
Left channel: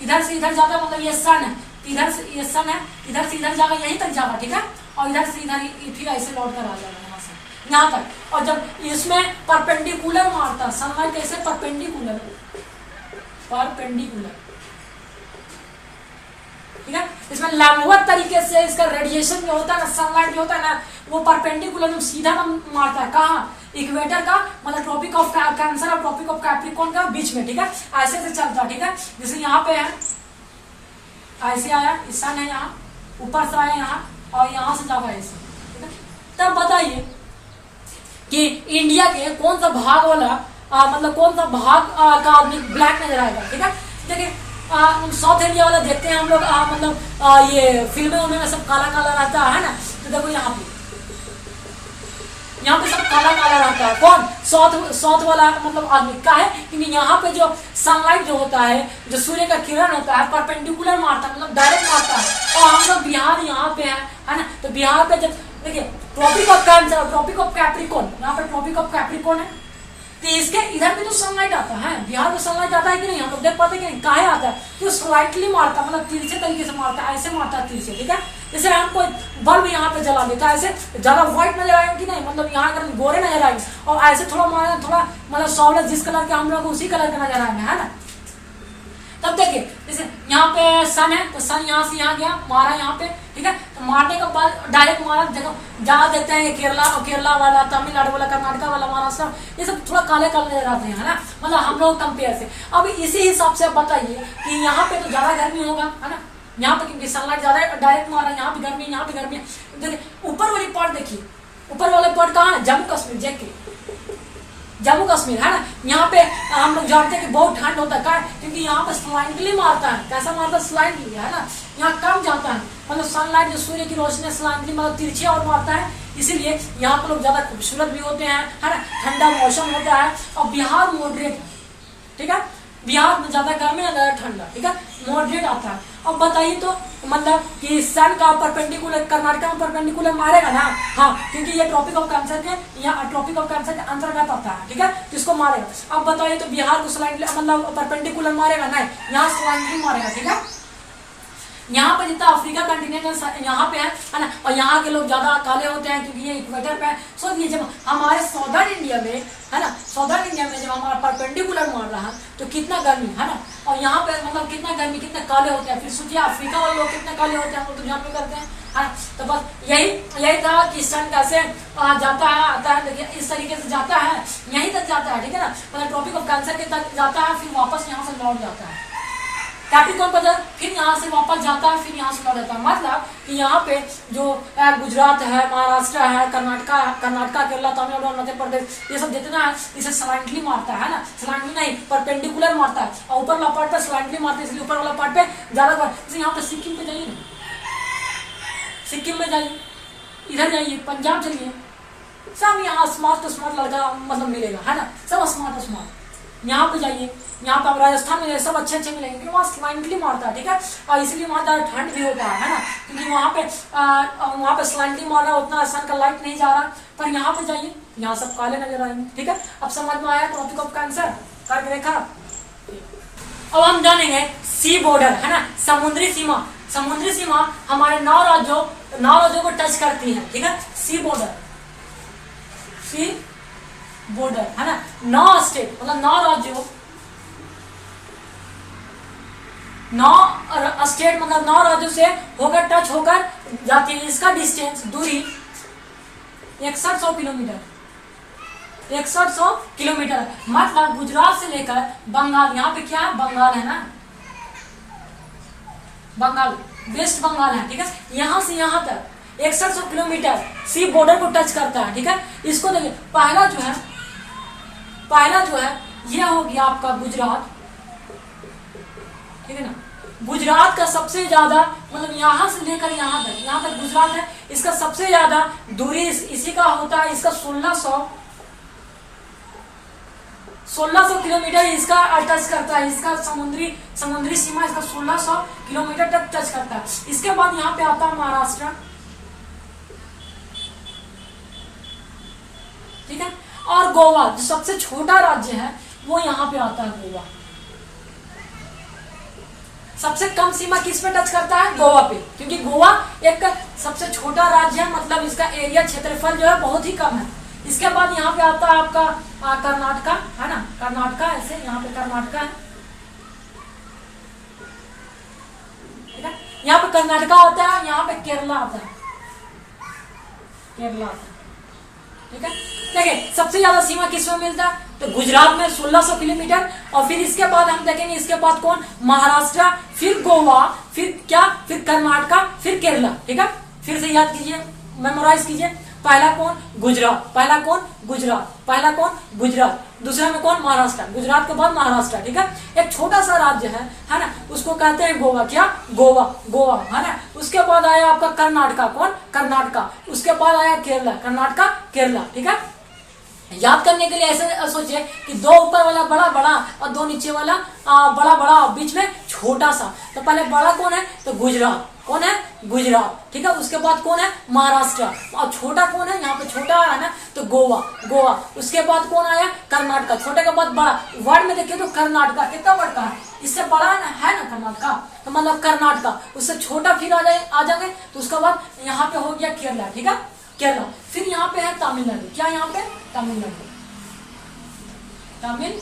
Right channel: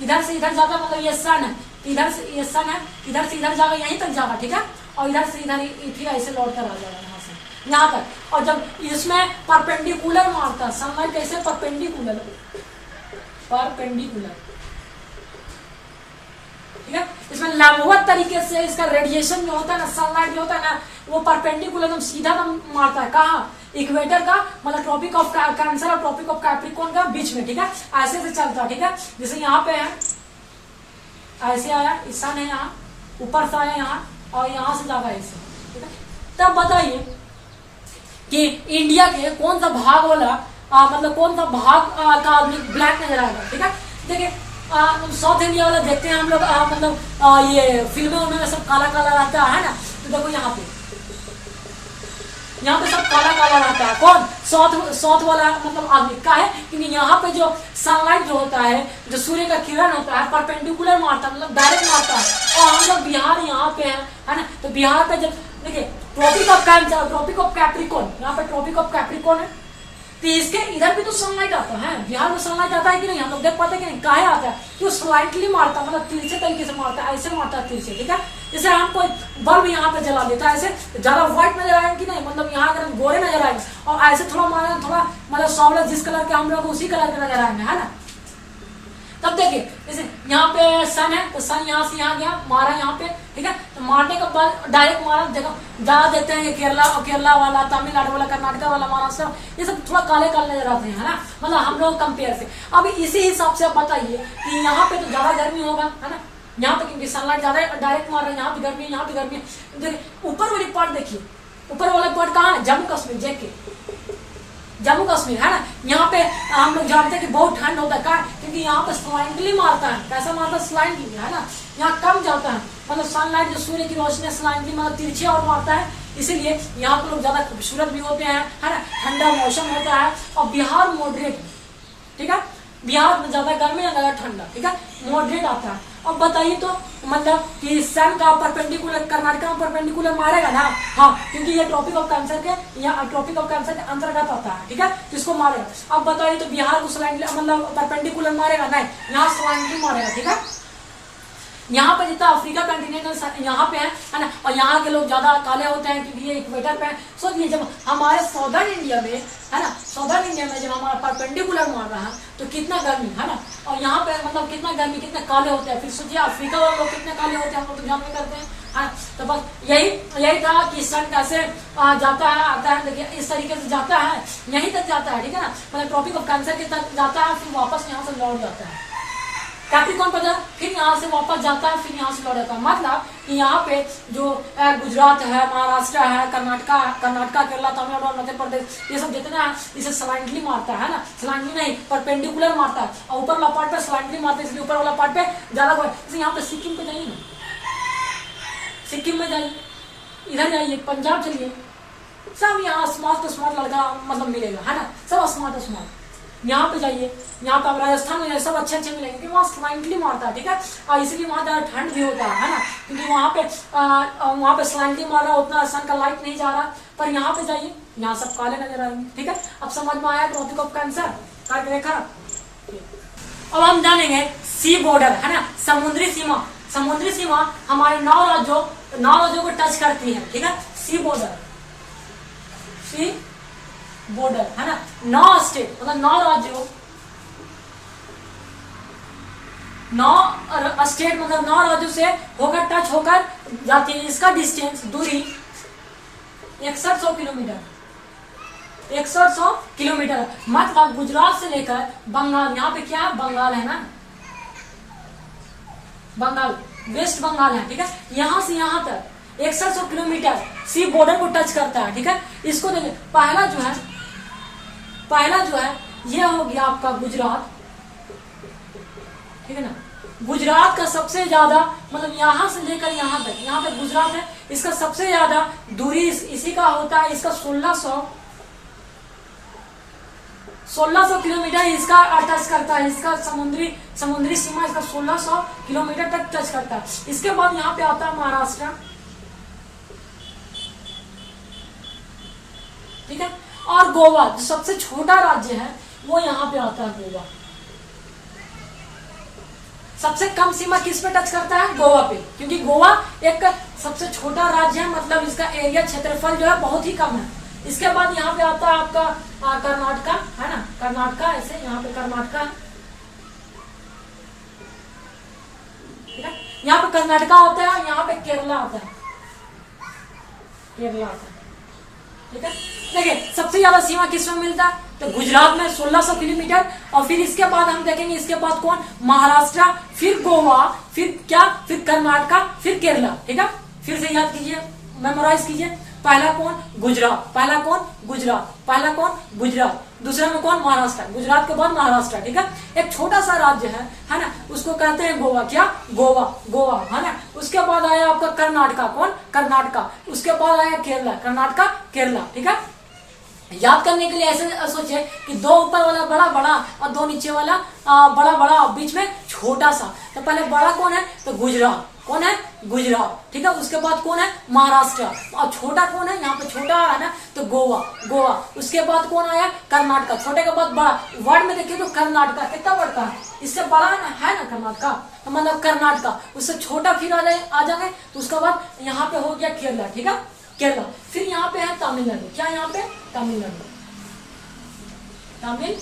इधर से इधर जाता है, मतलब ये सन है। इधर से ये सन है, इधर से इधर जाएगा, यहीं तक जाएगा, ठीक है, और इधर से इधर फिर ऐसे लौट कर आ जाएगा यहाँ से यहाँ तक। और जब इसमें परपेंडिकुलर मारता सनलाइट, कैसे परपेंडिकुलर, परपेंडिकुलर, ठीक है, इसमें लंबवत तरीके से इसका रेडिएशन जो होता है ना, सनलाइट जो होता है ना, वो परपेंडिकुलर एकदम सीधा मारता है, कहाँ, इक्वेटर का मतलब ट्रॉपिक ऑफ कैंसर और ट्रॉपिक ऑफ कैप्रिकॉर्न का बीच में, ठीक है, ऐसे से चलता है, ठीक है, जैसे यहाँ पे है ऐसे आया, सन है यहाँ, ऊपर से आया यहाँ, और यहाँ से जाता है ऐसे, ठीक है। तब बताइए कि इंडिया के कौन सा भाग वाला मतलब कौन सा भाग का आदमी ब्लैक नजर आएगा, ठीक है। देखिए साउथ इंडिया वाला देखते हैं हम लोग, मतलब ये फिल्में उनमें सब काला काला रहता है ना, तो देखो यहाँ पे सब काला काला रहता है, कौन, साउथ वाला मतलब आदमी का है, क्योंकि यहाँ पे जो सनलाइट जो होता है, जो सूर्य का किरण होता है, परपेंडिकुलर मारता है, मतलब डायरेक्ट मारता है। और हम लोग बिहार यहाँ पे है ना, तो बिहार पे जब देखिए tropic of cancer, tropic of capricorn, यहाँ पे ट्रॉपिक ऑफ कैप्रिकॉर्न है, तो इसके इधर भी तो सनलाइट आता है, बिहार में सनलाइट आता है कि नहीं, हम लोग देख पाते कि नहीं, काहे आता है, तो स्लाइटली मारता है, मतलब तिरछे तरीके से मारता है, ऐसे मारता है तिरछे, ठीक है। जैसे हम कोई बल्ब यहाँ पे जला देता है, ऐसे ज्यादा व्हाइट नजर आएंगे कि नहीं, मतलब यहाँ अगर गोरे नजर आएंगे, और ऐसे थोड़ा मारा, थोड़ा मतलब सावला जिस कलर के हम लोग उसी कलर के नजर आएंगे, है ना। तब देखिए जैसे यहाँ पे सन है, तो सन यहाँ से यहाँ गया, मारा यहाँ पे, ठीक है, तो मारने के बाद डायरेक्ट मारा, देखो जहाँ देखते हैं ये केरला वाला, तमिलनाडु वाला, कर्नाटका वाला, महाराष्ट्र, ये सब थोड़ा काले काले नजर आते हैं, है ना, मतलब हम लोग कंपेयर से। अब इसी हिसाब से बताइए कि यहाँ पे तो ज्यादा गर्मी होगा, है ना, यहाँ पे क्योंकि सनलाइट ज्यादा डायरेक्ट मार रहा है, यहाँ भी गर्मी है, यहाँ भी गर्मी है। देखिए ऊपर वाली पार्ट देखिए, ऊपर वाले पार्ट कहाँ है, जम्मू कश्मीर, देखिए जम्मू कश्मीर, है ना, यहाँ पे हम लोग जानते हैं कि बहुत ठंड होता है, क्योंकि यहाँ पे स्लाइटली मारता है, कैसा मारता है, स्लाइटली, है ना, यहाँ कम जाता है, मतलब सनलाइट जो सूर्य की रोशनी स्लाइटली मतलब तिरछे और मारता है, इसीलिए यहाँ पे लोग ज्यादा खूबसूरत भी होते हैं, है ना, ठंडा मौसम होता है। और बिहार मॉडरेट है, ठीक है, बिहार में ज्यादा गर्मी ना ज्यादा ठंडा, ठीक है, मॉडरेट आता है। अब बताइए तो मतलब कि सन का परपेंडिकुलर कर्नाटका में परपेंडिकुलर मारेगा ना, हाँ, क्योंकि ये ट्रॉपिक ऑफ कैंसर के, यहाँ ट्रॉपिक ऑफ कैंसर के अंतर्गत आता है, ठीक है, जिसको मारेगा। अब बताइए तो बिहार को स्लाइडली मतलब परपेंडिकुलर मारेगा, नहीं, यहाँ स्लाइडली मारेगा, ठीक है। यहाँ पे जितना अफ्रीका कंटिनेंट यहाँ पे है ना, और यहाँ के लोग ज्यादा काले होते हैं क्योंकि ये इक्वेटर पे है। सोचिए जब हमारे सदर्न इंडिया में, है ना, सदर्न इंडिया में जब हमारा परपेंडिकुलर मार रहा है तो कितना गर्मी, है ना, और यहाँ पे मतलब कितना गर्मी, कितने काले होते हैं। फिर सोचिए अफ्रीका वाले लोग कितने काले होते हैं, हम लोग तो जानते करते हैं, है। तो बस यही था कि सन कैसे जाता है, आता है, देखिए इस तरीके से जाता है, यहीं तक जाता है, ठीक है ना, मतलब ट्रॉपिक ऑफ कैंसर के तक जाता है, फिर वापस यहाँ से लौट जाता है कैप्रिकॉर्न पर, फिर यहाँ से वापस जाता है, फिर यहाँ से लौट जाता है। मतलब कि यहाँ पे जो गुजरात है, महाराष्ट्र है, कर्नाटका, केरला, तमिलनाडु, मध्य प्रदेश, ये सब जितना है इसे स्लाइटली मारता है ना, स्लाइटली नहीं परपेंडिकुलर मारता है, और ऊपर वाला पार्ट पे स्लाइटली मारता है, इसलिए ऊपर वाला पार्ट पे ज्यादा। जैसे यहाँ पे सिक्किम पे जाइए ना, सिक्किम में जाइए, इधर जाइए, पंजाब चलिए, सब यहाँ स्मार्ट लड़का मतलब मिलेगा, है ना, सब स्मार्ट। यहाँ पे जाइए, यहाँ पे आप राजस्थान में सब अच्छे मिलेंगे, क्योंकि वहाँ स्लाइटली मारता है, ठीक है, और इसलिए वहाँ ज्यादा ठंड भी होता है ना, क्योंकि वहाँ पे स्लाइटली मार रहा है, उतना सन का लाइट नहीं जा रहा। पर यहाँ पे जाइए, यहाँ सब काले नजर आएंगे, ठीक है। अब समझ में आया ट्रॉपिक ऑफ कैंसर करके देखा। अब हम जानेंगे सी बॉर्डर, है ना, समुद्री सीमा। समुद्री सीमा हमारे 9 राज्यों को टच करती है, ठीक है, सी बॉर्डर, है ना, 9 स्टेट मतलब 9 राज्यों, 9 स्टेट मतलब 9 राज्यों से होकर टच होकर जाती है। इसका डिस्टेंस, दूरी 6100 किलोमीटर, 6100 किलोमीटर। मतलब गुजरात से लेकर बंगाल, यहाँ पे क्या है, बंगाल है ना, बंगाल, वेस्ट बंगाल है, ठीक है, यहाँ से यहाँ तक 6100 किलोमीटर सी बॉर्डर को टच करता है, ठीक है। इसको देखिए, पहला जो है यह हो गया आपका गुजरात, ठीक है ना। गुजरात का सबसे ज्यादा मतलब यहाँ से लेकर यहाँ तक गुजरात है, इसका सबसे ज्यादा दूरी इसी का होता है, इसका 1600 किलोमीटर इसका टच करता है, इसका समुद्री सीमा इसका 1600 किलोमीटर तक टच करता है। इसके बाद यहाँ पे आता है महाराष्ट्र, ठीक है, और गोवा जो सबसे छोटा राज्य है वो यहाँ पे आता है, गोवा। सबसे कम सीमा किस पे टच करता है? गोवा पे, क्योंकि गोवा एक सबसे छोटा राज्य है, मतलब इसका एरिया क्षेत्रफल जो है बहुत ही कम है। इसके बाद यहाँ पे आता है आपका कर्नाटका, है ना, कर्नाटका, ऐसे यहाँ पे कर्नाटका है, ठीक है। यहाँ पे कर्नाटका आता है, यहाँ पे केरला आता है, केरला आता है, ठीक है। देखिए सबसे ज्यादा सीमा किसमें मिलता है? तो गुजरात में 1600 किलोमीटर, और फिर इसके बाद हम देखेंगे, इसके बाद कौन? महाराष्ट्र, फिर गोवा, फिर क्या? फिर कर्नाटका, फिर केरला, ठीक है। फिर से याद कीजिए, मेमोराइज कीजिए। पहला कौन? गुजरात, पहला कौन? गुजरात, पहला कौन? गुजरात, दूसरा में कौन? महाराष्ट्र, गुजरात के बाद महाराष्ट्र, ठीक है। एक छोटा सा राज्य है ना, उसको कहते हैं गोवा। क्या? गोवा, गोवा, है ना। उसके बाद आया आपका कर्नाटका, कौन? कर्नाटका। उसके बाद आया केरला, कर्नाटका, केरला, ठीक है। याद करने के लिए ऐसे सोचिए कि दो ऊपर वाला बड़ा बड़ा और दो नीचे वाला बड़ा बड़ा और बीच में छोटा सा। तो पहले बड़ा कौन है? तो गुजरात, कौन है? गुजरात, ठीक है। उसके बाद कौन है? महाराष्ट्र, और छोटा कौन है? यहाँ पे छोटा है ना, तो गोवा, गोवा। उसके बाद कौन आया? कर्नाटका, छोटे के बाद बड़ा। वर्ड में देखिए तो कर्नाटका कितना बड़ा है, इससे बड़ा है ना कर्नाटका, तो मतलब कर्नाटका। उससे छोटा फिर आ जाएंगे, तो उसके बाद यहाँ पे हो गया केरला, ठीक है, केरला। फिर यहाँ पे है तमिलनाडु। क्या यहाँ पे? तमिलनाडु, तमिलनाडु,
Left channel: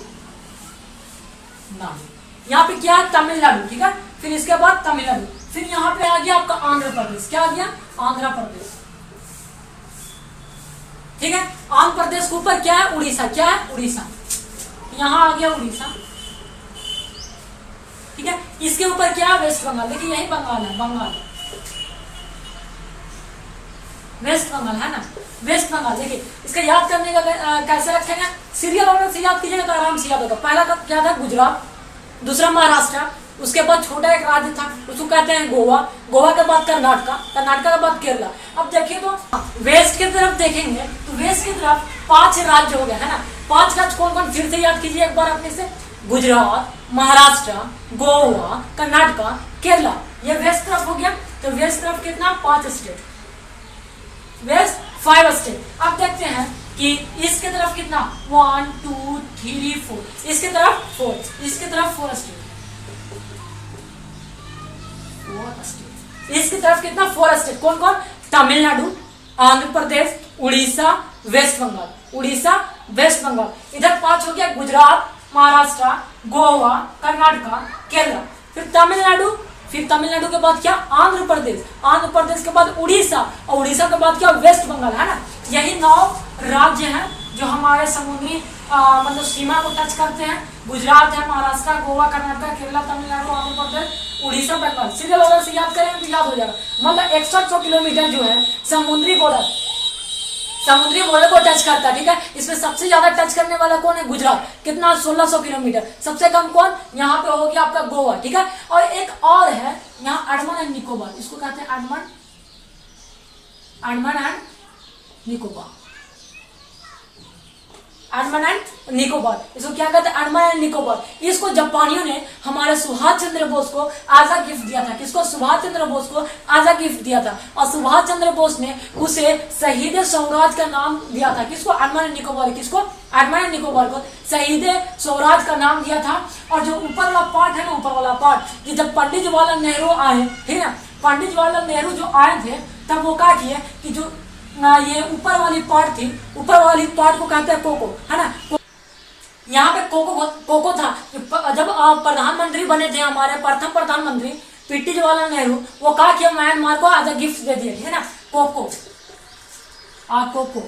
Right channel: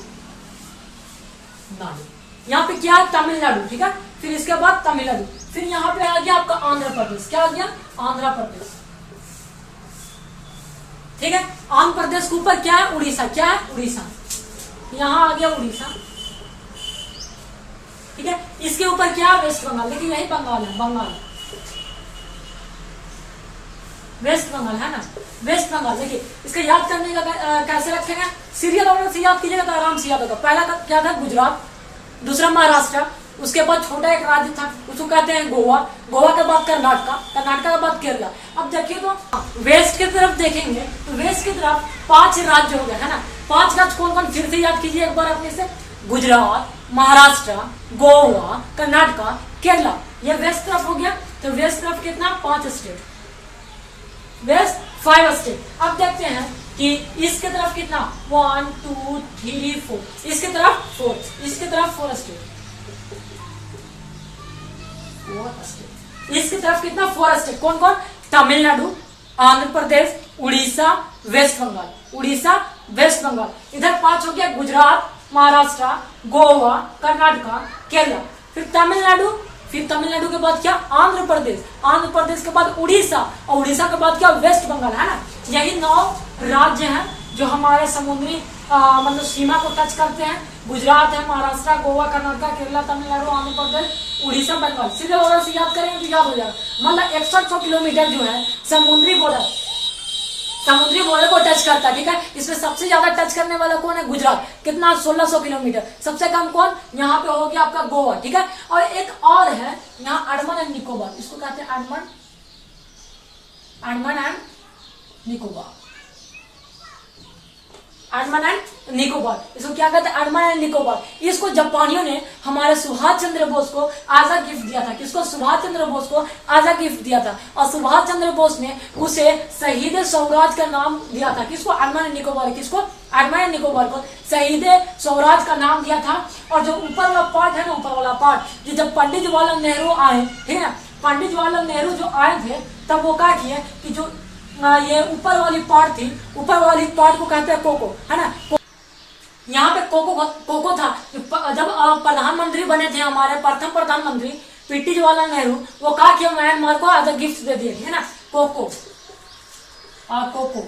यहाँ पे क्या है? तमिलनाडु, ठीक है। फिर इसके बाद तमिलनाडु, फिर यहाँ पे आ गया आपका आंध्र प्रदेश। क्या आ गया? आंध्र प्रदेश, ठीक है। आंध्र प्रदेश के ऊपर क्या है? उड़ीसा। क्या है? उड़ीसा, यहाँ आ गया उड़ीसा, ठीक है। इसके ऊपर क्या है? वेस्ट बंगाल। देखिए यही बंगाल है, बंगाल, वेस्ट बंगाल, है ना, वेस्ट बंगाल। देखिए इसका याद करने का कैसे रखेंगे? सीरियल ऑर्डर से याद कीजिएगा तो आराम से याद होगा। पहला क्या था? गुजरात, दूसरा महाराष्ट्र, उसके बाद छोटा एक राज्य था उसको कहते हैं गोवा, गोवा के बाद कर्नाटका, कर्नाटका के बाद केरला। अब देखिए तो वेस्ट की तरफ देखेंगे तो वेस्ट की तरफ 5 राज्य हो गए, है ना। 5 राज्य कौन कौन? फिर से याद कीजिए एक बार अपने से। गुजरात, महाराष्ट्र, गोवा, कर्नाटका, केरला, ये वेस्ट तरफ हो गया। तो वेस्ट तरफ कितना? 5 स्टेट, वेस्ट 5 स्टेट। अब देखते हैं कि इसके तरफ कितना? 1 2 3 4, इसके तरफ 4, इसके तरफ 4 स्टेट, 4 स्टेट। इसकी तरफ कितना? 4 स्टेट। कौन कौन? Tamil Nadu, Andhra Pradesh, Orissa, waste Bengal, Orissa, waste Bengal. इधर 5 हो गया, गुजरात, महाराष्ट्र, गोवा, कर्नाटका, केरला। फिर तमिलनाडु, फिर तमिलनाडु के बाद क्या? आंध्र प्रदेश, आंध्र प्रदेश के बाद उड़ीसा, और उड़ीसा के बाद क्या? वेस्ट बंगाल, है ना। यही 9 राज्य हैं जो हमारे समुद्री मतलब सीमा को टच करते हैं। गुजरात है, महाराष्ट्र, गोवा, कर्नाटका, केरला, तमिलनाडु, आंध्र प्रदेश, उड़ीसा, बंगाल। सीरियल ऑर्डर से याद करेंगे तो याद हो जाएगा। मतलब 6100 किलोमीटर जो है समुद्री बॉर्डर, समुद्री बॉर्डर को टच करता है, ठीक है। इसमें सबसे ज्यादा टच करने वाला कौन है? गुजरात, कितना? 1600 किलोमीटर। सबसे कम कौन? यहाँ पे हो गया आपका गोवा, ठीक है। और एक और है यहाँ अंडमान एंड निकोबार, इसको कहते हैं अंडमान एंड निकोबार, अंडमान एंड निकोबार। इसको क्या कहते हैं? अंडमान एंड निकोबार। इसको जापानियों ने हमारे सुभाष चंद्र बोस को आजा गिफ्ट दिया था। किसको? सुभाष चंद्र बोस को आजा गिफ्ट दिया था, और सुभाष चंद्र बोस ने उसे शहीद स्वराज का नाम दिया था। किसको? अंडमान एंड निकोबार। किसको? अंडमान एंड निकोबार को शहीद स्वराज का नाम दिया था। और जो ऊपर वाला पार्ट है ना, ऊपर वाला पार्ट, जब पंडित जवाहरलाल नेहरू आए, ठीक है ना, पंडित जवाहरलाल नेहरू जो आए थे तब वो क्या किए कि जो ये ऊपर वाली पार्ट थी, ऊपर वाली पार्ट को कहते हैं कोको, है ना। यहाँ पे कोको था। जब प्रधानमंत्री बने थे हमारे प्रथम प्रधानमंत्री पीटी जवाहरलाल नेहरू, वो कहा कि म्यांमार को एज अ गिफ्ट दे दिए थे, है ना, कोको, कोको,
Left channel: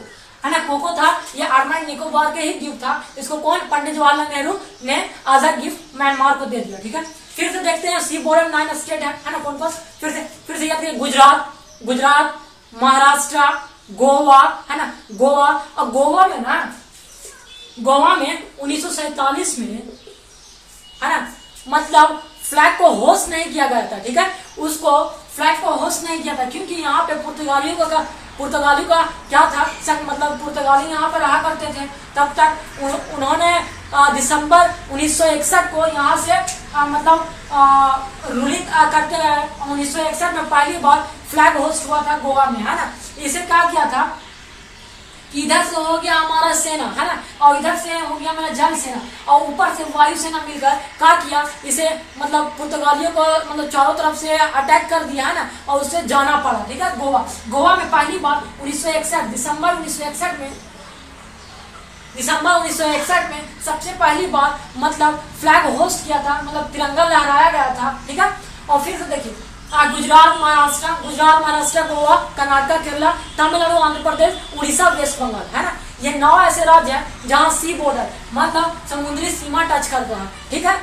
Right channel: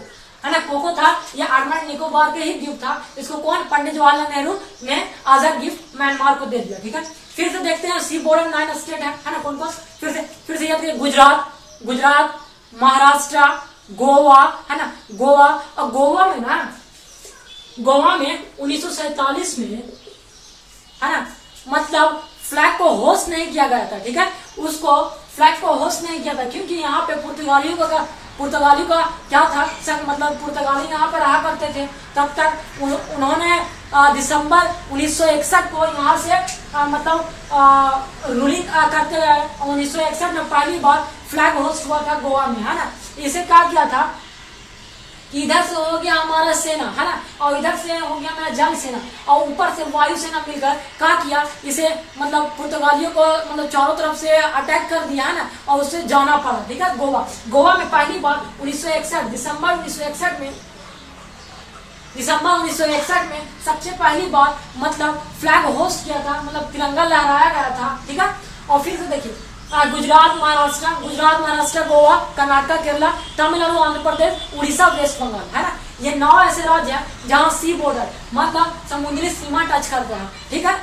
है ना, कोको था। ये अंडमान निकोबार के ही गिफ्ट था। इसको कौन? पंडित जवाहरलाल नेहरू ने एज अ गिफ्ट म्यांमार को दे दिया, ठीक है। फिर से देखते हैं सी बॉर्डर 9 स्टेट है ना, कौन कौन? फिर से याद करिए, गुजरात, महाराष्ट्र, गोवा, है ना, गोवा। और गोवा में 1947 में, है ना, मतलब फ्लैग को होस्ट नहीं किया गया था, ठीक है। उसको फ्लैग को होस्ट नहीं किया था क्योंकि यहाँ पे पुर्तगालियों का क्या था? मतलब पुर्तगाली यहाँ पे रहा करते थे। तब तक उन्होंने दिसंबर 1961 को यहाँ से मतलब रूलिंग करते रहे। 1961 में पहली बार फ्लैग होस्ट हुआ था गोवा में, है ना। इसे क्या किया था इधर से हो गया हमारा सेना, है ना, और इधर से हो गया मेरा जल सेना, और ऊपर से वायु सेना मिलकर क्या किया, इसे मतलब पुर्तगालियों को मतलब चारों तरफ से अटैक कर दिया, है ना, और उससे जाना पड़ा। ठीक है, गोवा में पहली बार 1961 दिसंबर 1961 में सबसे पहली बार मतलब फ्लैग होस्ट किया था, मतलब तिरंगा लहराया गया था। ठीक है, और फिर से देखिए गुजरात महाराष्ट्र गोवा कर्नाटक केरला तमिलनाडु आंध्र प्रदेश उड़ीसा वेस्ट बंगाल, है ना, ये 9 ऐसे राज्य हैं जहां सी बॉर्डर मतलब समुद्री सीमा टच करते हैं। ठीक है,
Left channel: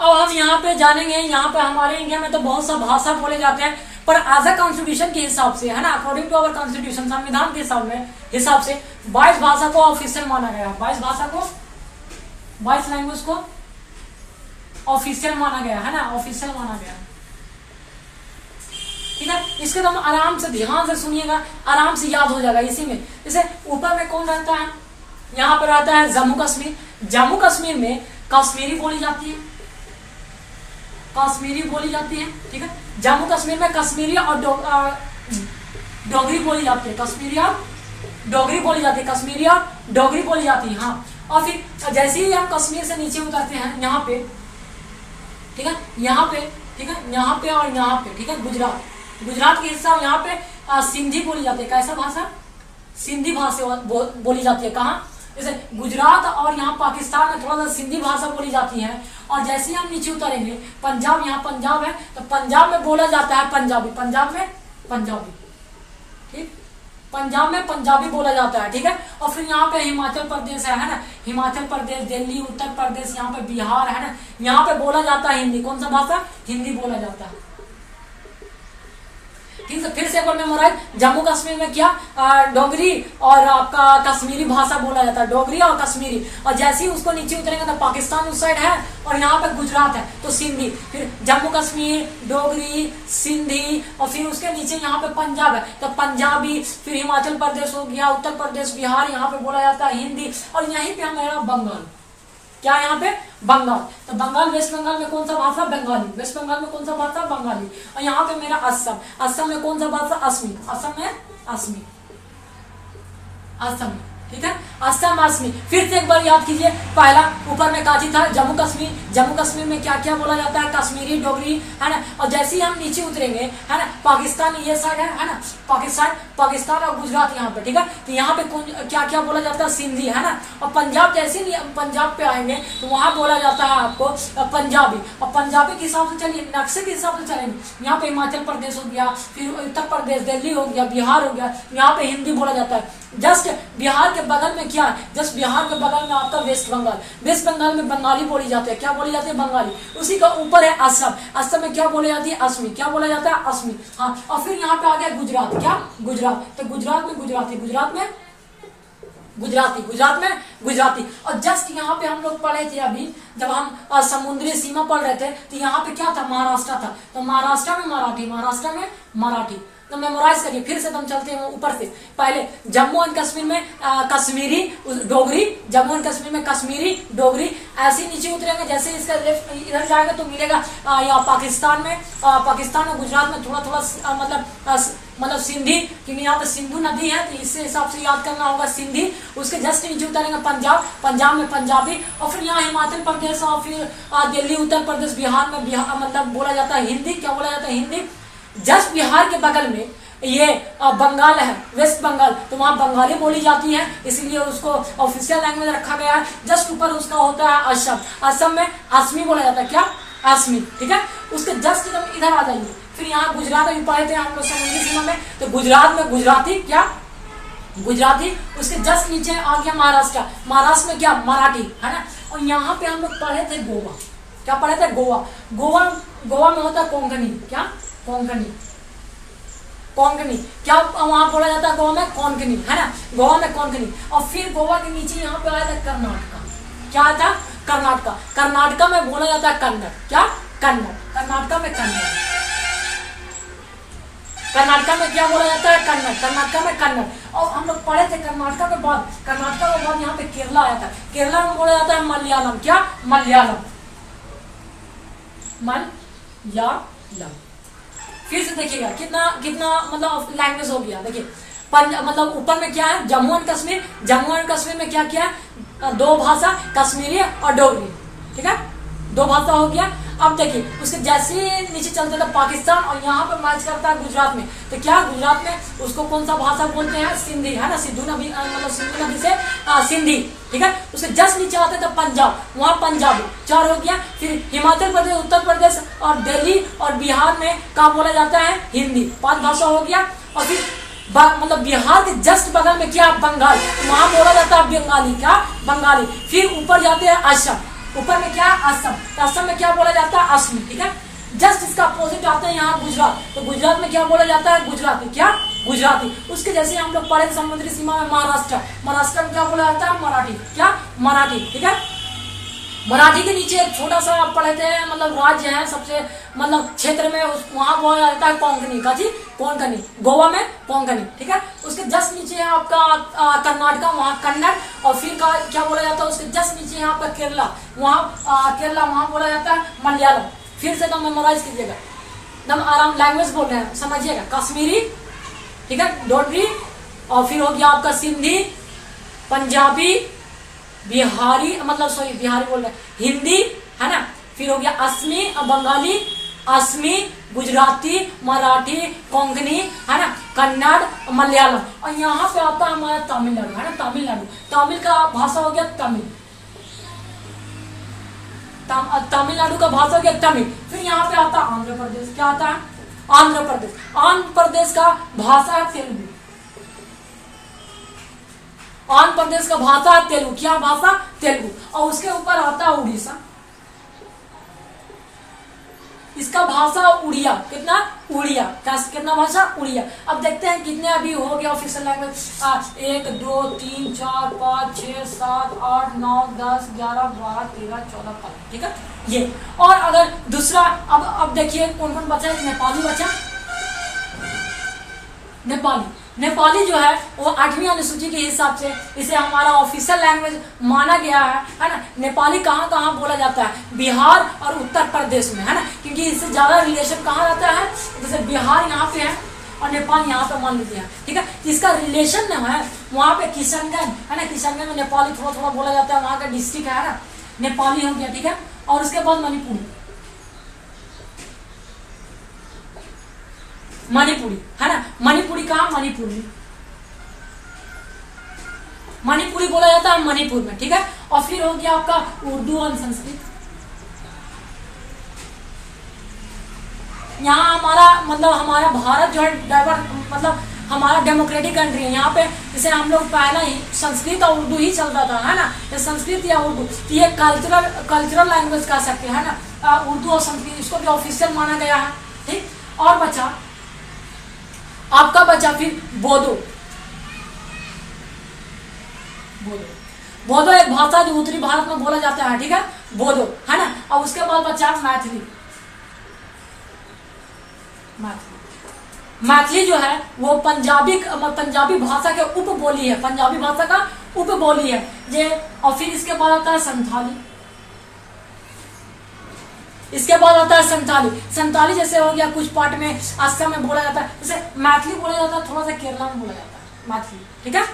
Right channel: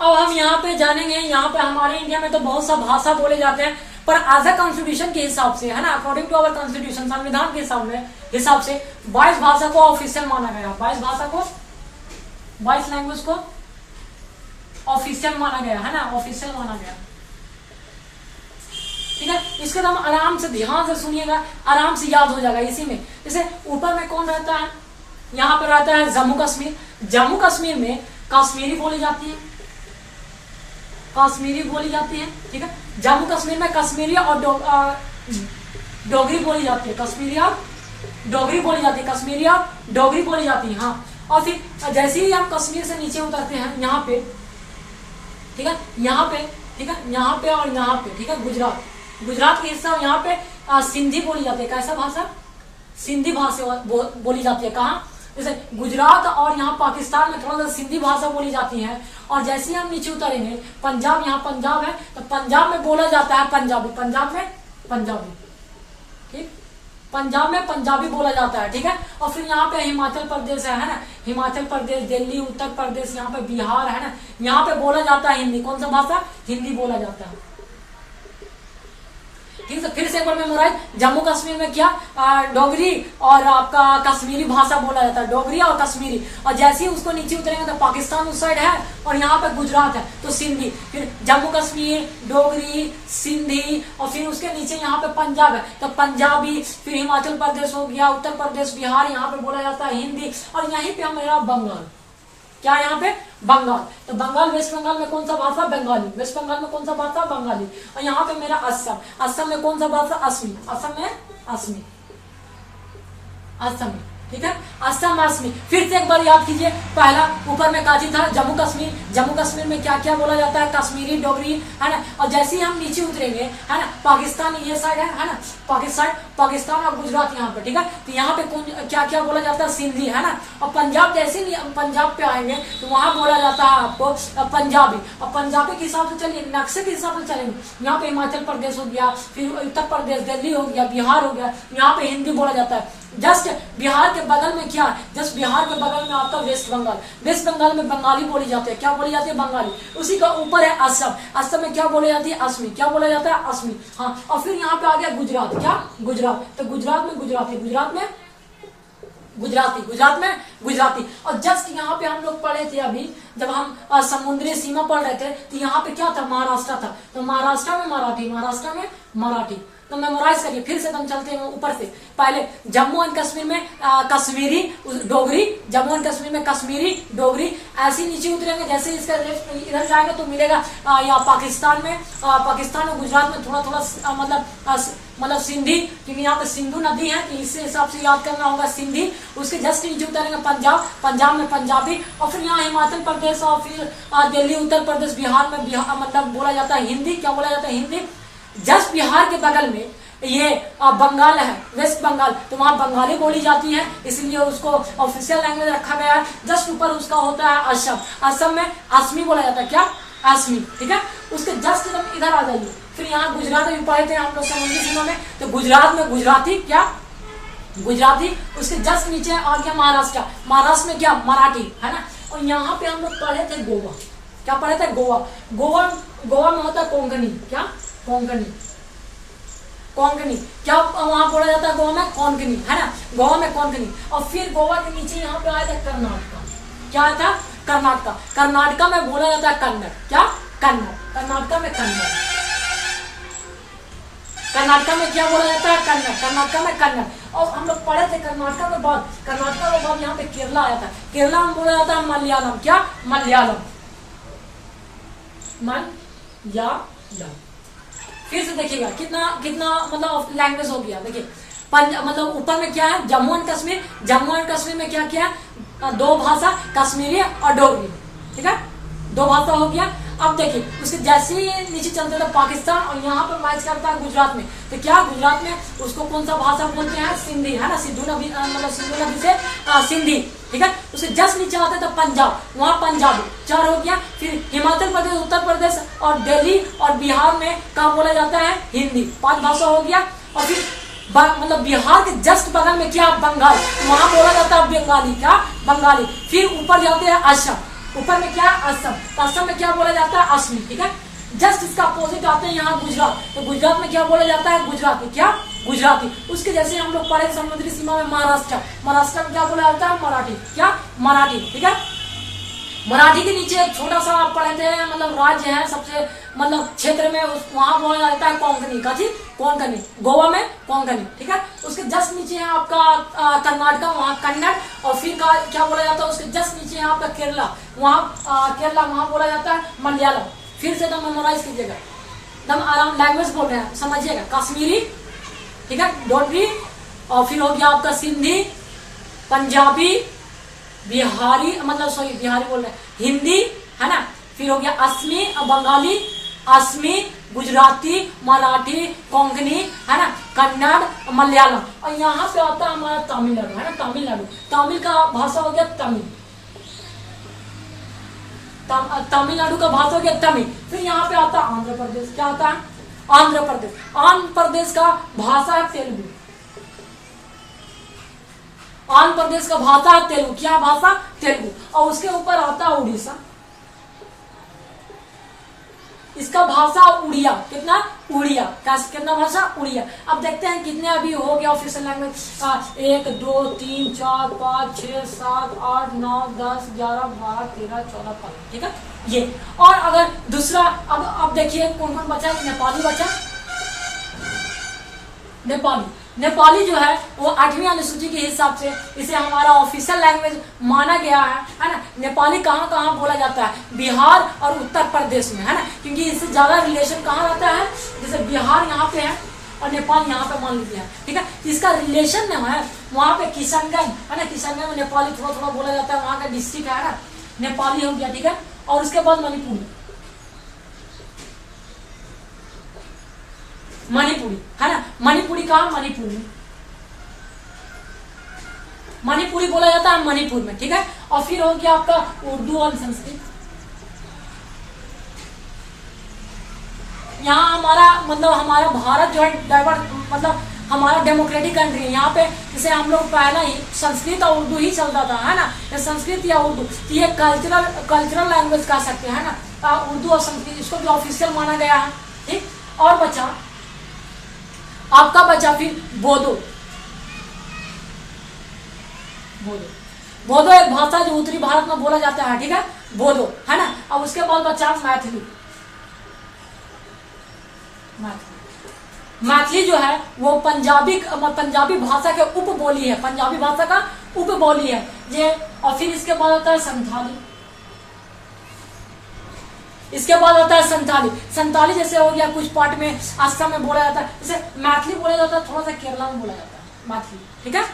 अब हम यहाँ पे जानेंगे, यहाँ पे हमारे इंडिया में तो बहुत सा भाषा बोले जाते हैं, पर एज अ कॉन्स्टिट्यूशन के हिसाब से, है ना, अकॉर्डिंग टू अवर कॉन्स्टिट्यूशन संविधान के हिसाब से 22 भाषा को ऑफिशियल माना गया, 22 लैंग्वेज को ऑफिशियल माना गया, है ना, ऑफिशियल माना गया। ठीक है, इसको तो हम आराम से ध्यान से सुनिएगा, आराम से याद हो जाएगा इसी में। जैसे ऊपर में कौन रहता है, यहाँ पर रहता है जम्मू कश्मीर में कश्मीरी बोली जाती है, ठीक है, जम्मू कश्मीर में कश्मीरी और डोगरी बोली जाती है, कश्मीरी और डोगरी बोली जाती है। हाँ, और फिर जैसे ही हम कश्मीर से नीचे उतरते हैं यहाँ पे, ठीक है, यहाँ पे और यहाँ पे, ठीक है, गुजरात के हिस्सा यहाँ पे सिंधी बोली जाती है। कैसा भाषा, सिंधी भाषा बोली जाती है। कहाँ, जैसे गुजरात और यहाँ पाकिस्तान में थोड़ा सा सिंधी भाषा बोली जाती है। और जैसे ही हम नीचे उतरेंगे पंजाब, यहाँ पंजाब है तो पंजाब में बोला जाता है पंजाबी, ठीक, पंजाब में पंजाबी बोला जाता है। ठीक है, और फिर यहाँ पे हिमाचल प्रदेश है ना, हिमाचल प्रदेश, दिल्ली, उत्तर प्रदेश, यहाँ पे बिहार है ना, यहाँ पे बोला जाता है हिंदी। कौन सा भाषा, हिंदी बोला जाता है। ठीक है, फिर से एक बार मेमोराइज, जम्मू कश्मीर में क्या डोगरी और आपका कश्मीरी भाषा बोला जाता है, डोगरी और कश्मीरी। और जैसे ही उसको नीचे उतरेंगे तो पाकिस्तान उस साइड है और यहाँ पे गुजरात है तो सिंधी, फिर जम्मू कश्मीर, डोगरी, सिंधी, और फिर उसके नीचे यहाँ पे पंजाब है तो पंजाबी, फिर हिमाचल प्रदेश हो गया, उत्तर प्रदेश, बिहार, यहाँ पे बोला जाता है हिंदी। और यहीं पे हमारा बंगाल, क्या यहाँ पे बंगाल, तो बंगाल, वेस्ट बंगाल में कौन सा भाषा, बंगाली, वेस्ट बंगाल में कौन सा भाषा, बंगाली। और यहाँ पे मेरा असम में कौन सा भाषा, असमी, असमी, ठीक है, असमी। फिर से एक बार याद कीजिए, पहला ऊपर में काची था जम्मू कश्मीर में क्या क्या बोला जाता है, कश्मीरी, डोगरी, है ना। और जैसे ही हम नीचे उतरेंगे, है ना, पाकिस्तान ये साइड है ना, पाकिस्तान और गुजरात यहाँ पे, ठीक है, तो यहाँ पे क्या क्या बोला जाता है, सिंधी, है ना। और पंजाब, जैसे ही पंजाब पे आएंगे तो वहां बोला जाता है आपको पंजाबी। और पंजाबी के हिसाब से चलिए, नक्शे के हिसाब से चलेंगे, यहाँ पे हिमाचल प्रदेश हो गया, फिर उत्तर प्रदेश, दिल्ली हो गया, बिहार हो गया, यहाँ पे हिंदी बोला जाता है। जस्ट बिहार के बगल में क्या, जस्ट बिहार के बगल में आपका वेस्ट बंगाल में बंगाली बोली जाती है। क्या बोली जाती है, बंगाली। उसी का ऊपर है असम में क्या बोली जाती है, असमी। क्या बोला जाता है, असमी। हाँ, और फिर यहाँ पे आ गया गुजरात, क्या, गुजरात, तो गुजरात में गुजराती। और जस्ट यहाँ पे हम लोग पढ़े थे अभी, जब हम समुद्री सीमा पढ़ रहे थे, तो यहाँ पे क्या था, महाराष्ट्र था, तो महाराष्ट्र में मराठी। तो मेमोराइज करिए। फिर से हम चलते हैं ऊपर से, पहले जम्मू एंड कश्मीर में कश्मीरी, डोगरी, जम्मू एंड कश्मीर में कश्मीरी, डोगरी। ऐसे नीचे उतरेंगे, जैसे इसका लेफ्ट इधर जाएंगे तो मिलेगा यहाँ पाकिस्तान में गुजरात में थोड़ा मतलब सिंधी, क्योंकि यहाँ पे सिंधु नदी है तो इससे हिसाब से याद करना होगा सिंधी। उसके जस्ट नीचे उतरेंगे पंजाब में पंजाबी। और फिर यहाँ हिमाचल प्रदेश और फिर दिल्ली, उत्तर प्रदेश, बिहार में मतलब बोला जाता है हिंदी। क्या बोला जाता है, हिंदी। जस्ट बिहार के बगल में ये बंगाल है, वेस्ट बंगाल, तो वहां बंगाली बोली जाती है, इसलिए उसको ऑफिशियल लैंग्वेज रखा गया है। जस्ट ऊपर उसका होता है असम में असमी बोला जाता है। क्या, असमी, ठीक है। उसके जस्ट इधर आ जाइए, फिर यहाँ गुजरात में पढ़े थे हम लोग समुद्री सीमा में, तो गुजरात में गुजराती, क्या, गुजराती। उसके जस्ट नीचे आ गया महाराष्ट्र में क्या, मराठी, है ना। और यहाँ पे हम लोग पढ़े थे गोवा। क्या पढ़े थे, गोवा में होता है कोंकणी। क्या, कोंकणी। क्या वहां बोला जाता है, गोवा में कोंकणी, है ना, गोवा में कोंकणी। और फिर गोवा के नीचे यहाँ पे आया था कर्नाटका। क्या आया था, कर्नाटका में बोला जाता है कन्नड़। क्या, कर्नाटका में कन्नड़। कर्नाटका में क्या बोला जाता है, कर्नाटका में कन्नड़। और हम लोग पढ़े थे कर्नाटका के बाद यहाँ पे केरला आया था। केरला में बोला जाता है मलयालम। क्या, मलयालम। फिर से देखिएगा कितना मतलब लैंग्वेज हो गया। देखिए मतलब ऊपर में क्या है, जम्मू एंड कश्मीर। जम्मू एंड कश्मीर में क्या क्या है, दो भाषा, कश्मीरी और डोगरी, ठीक है, दो भाषा हो गया। अब देखिए उसके जैसे ही नीचे चलते थे पाकिस्तान, और यहाँ पे मैच करता है गुजरात में, तो क्या गुजरात में उसको कौन सा भाषा बोलते हैं, सिंधी, है ना, सिद्धू नबी मतलब सिंधु नदी से सिंधी, ठीक है। उसके जस्ट नीचे आते थे पंजाब, वहाँ पंजाबी, 4 हो गया। फिर हिमाचल प्रदेश, उत्तर प्रदेश और दिल्ली और बिहार में क्या बोला जाता है, हिंदी, 5 भाषा हो गया। और फिर मतलब बिहार के जस्ट बगल में क्या, बंगाल, वहां बोला जाता है बंगाली, क्या, बंगाली। फिर ऊपर जाते हैं असम, ऊपर में क्या, असम, तो असम में क्या बोला जाता है, असमी, ठीक है। जस्ट इसका अपोजिट आते हैं यहाँ गुजरात, तो गुजरात में क्या बोला जाता है, गुजराती, क्या, गुजराती। उसके जैसे हम लोग पढ़े समुद्री सीमा में महाराष्ट्र, महाराष्ट्र में क्या बोला जाता है, मराठी, क्या, मराठी, ठीक है। मराठी के नीचे एक छोटा सा आप पढ़े थे, मतलब राज्य है सबसे, मतलब क्षेत्र में, वहां बोला जाता है कोंकणी, का जी, कोंकणी, गोवा में कोंकणी, ठीक है। उसके जस्ट नीचे है आपका कर्नाटक, वहाँ कन्नड़। और फिर क्या बोला जाता है, उसके जस्ट नीचे है आपका केरला, वहाँ केरला, वहाँ बोला जाता है मलयालम। फिर से एकदम मेमोराइज कीजिएगा, एकदम आराम लैंग्वेज बोल रहे हैं, समझिएगा, कश्मीरी, ठीक है, डोगरी, और फिर हो गया आपका सिंधी, पंजाबी, बिहारी, मतलब सॉरी बिहारी बोल रहे हैं, हिंदी, है ना। फिर हो गया असमी, बंगाली, असमी, गुजराती, मराठी, कोंकणी, है ना, कन्नड़, मलयालम। और यहाँ पे आता है हमारा तमिलनाडु, है ना, तमिलनाडु, तमिल का भाषा हो गया तमिल, तमिलनाडु का भाषा हो गया तमिल। फिर यहाँ पे आता है आंध्र प्रदेश, क्या आता है, आंध्र प्रदेश, आंध्र प्रदेश का भाषा है तेलुगु, आंध्र प्रदेश का भाषा तेलुगु, क्या भाषा, तेलुगु। और उसके ऊपर आता है उड़ीसा, इसका भाषा उड़िया, कितना, उड़िया, कितना भाषा, उड़िया। अब देखते हैं कितने अभी हो गया ऑफिशियल लैंग्वेज, 1 2 3 4 5 6 7 8 9 10 11 12 13 14 15, ठीक है ये। और अगर दूसरा, अब देखिए कौन कौन बचा है, नेपाली बचा, नेपाली, नेपाली जो है वो 8वीं अनुसूची के हिसाब से इसे हमारा ऑफिशियल लैंग्वेज माना गया है ना। नेपाली कहाँ कहाँ बोला जाता है, बिहार और उत्तर प्रदेश में, है ना, क्योंकि इससे ज्यादा रिलेशन कहाँ रहता है, जैसे बिहार यहाँ पे है और नेपाल यहाँ पे मान लीजिए, ठीक है। इसका रिलेशन में है वहाँ पे किशनगंज, है ना, किशनगंज में नेपाली थोड़ा थोड़ा बोला जाता है, वहाँ का डिस्ट्रिक्ट है ना, नेपाली हो गया, ठीक है। और उसके बाद मणिपुरी, मणिपुरी, है ना, मणिपुरी कहा, मणिपुरी, मणिपुरी बोला जाता है मणिपुर में, ठीक है। और फिर हो गया आपका उर्दू और संस्कृत। यहाँ हमारा मतलब हमारा भारत जो है डाइवर्स, मतलब हमारा डेमोक्रेटिक कंट्री है। यहाँ पे जैसे हम लोग पहला ही संस्कृत और उर्दू ही चलता था, है ना, ये संस्कृत या उर्दू, ये कल्चरल लैंग्वेज कह सकते हैं ना, उर्दू और संस्कृत, इसको भी ऑफिशियल माना गया है, ठीक। और बचा आपका बचा फिर बोडो, बोडो एक भाषा जो उत्तरी भारत में बोला जाता है, ठीक है, बोडो, है ना। और उसके बाद बचा मैथिली, मैथिली जो है वो पंजाबी भाषा के उपबोली है, पंजाबी भाषा का उपबोली है ये। और फिर इसके बाद आता है संथाली, इसके बाद आता है संथाली, संथाली जैसे हो गया कुछ पार्ट में असम में बोला जाता है, जैसे मैथिली बोला जाता है, थोड़ा सा केरला में बोला जाता है मैथिली, ठीक है,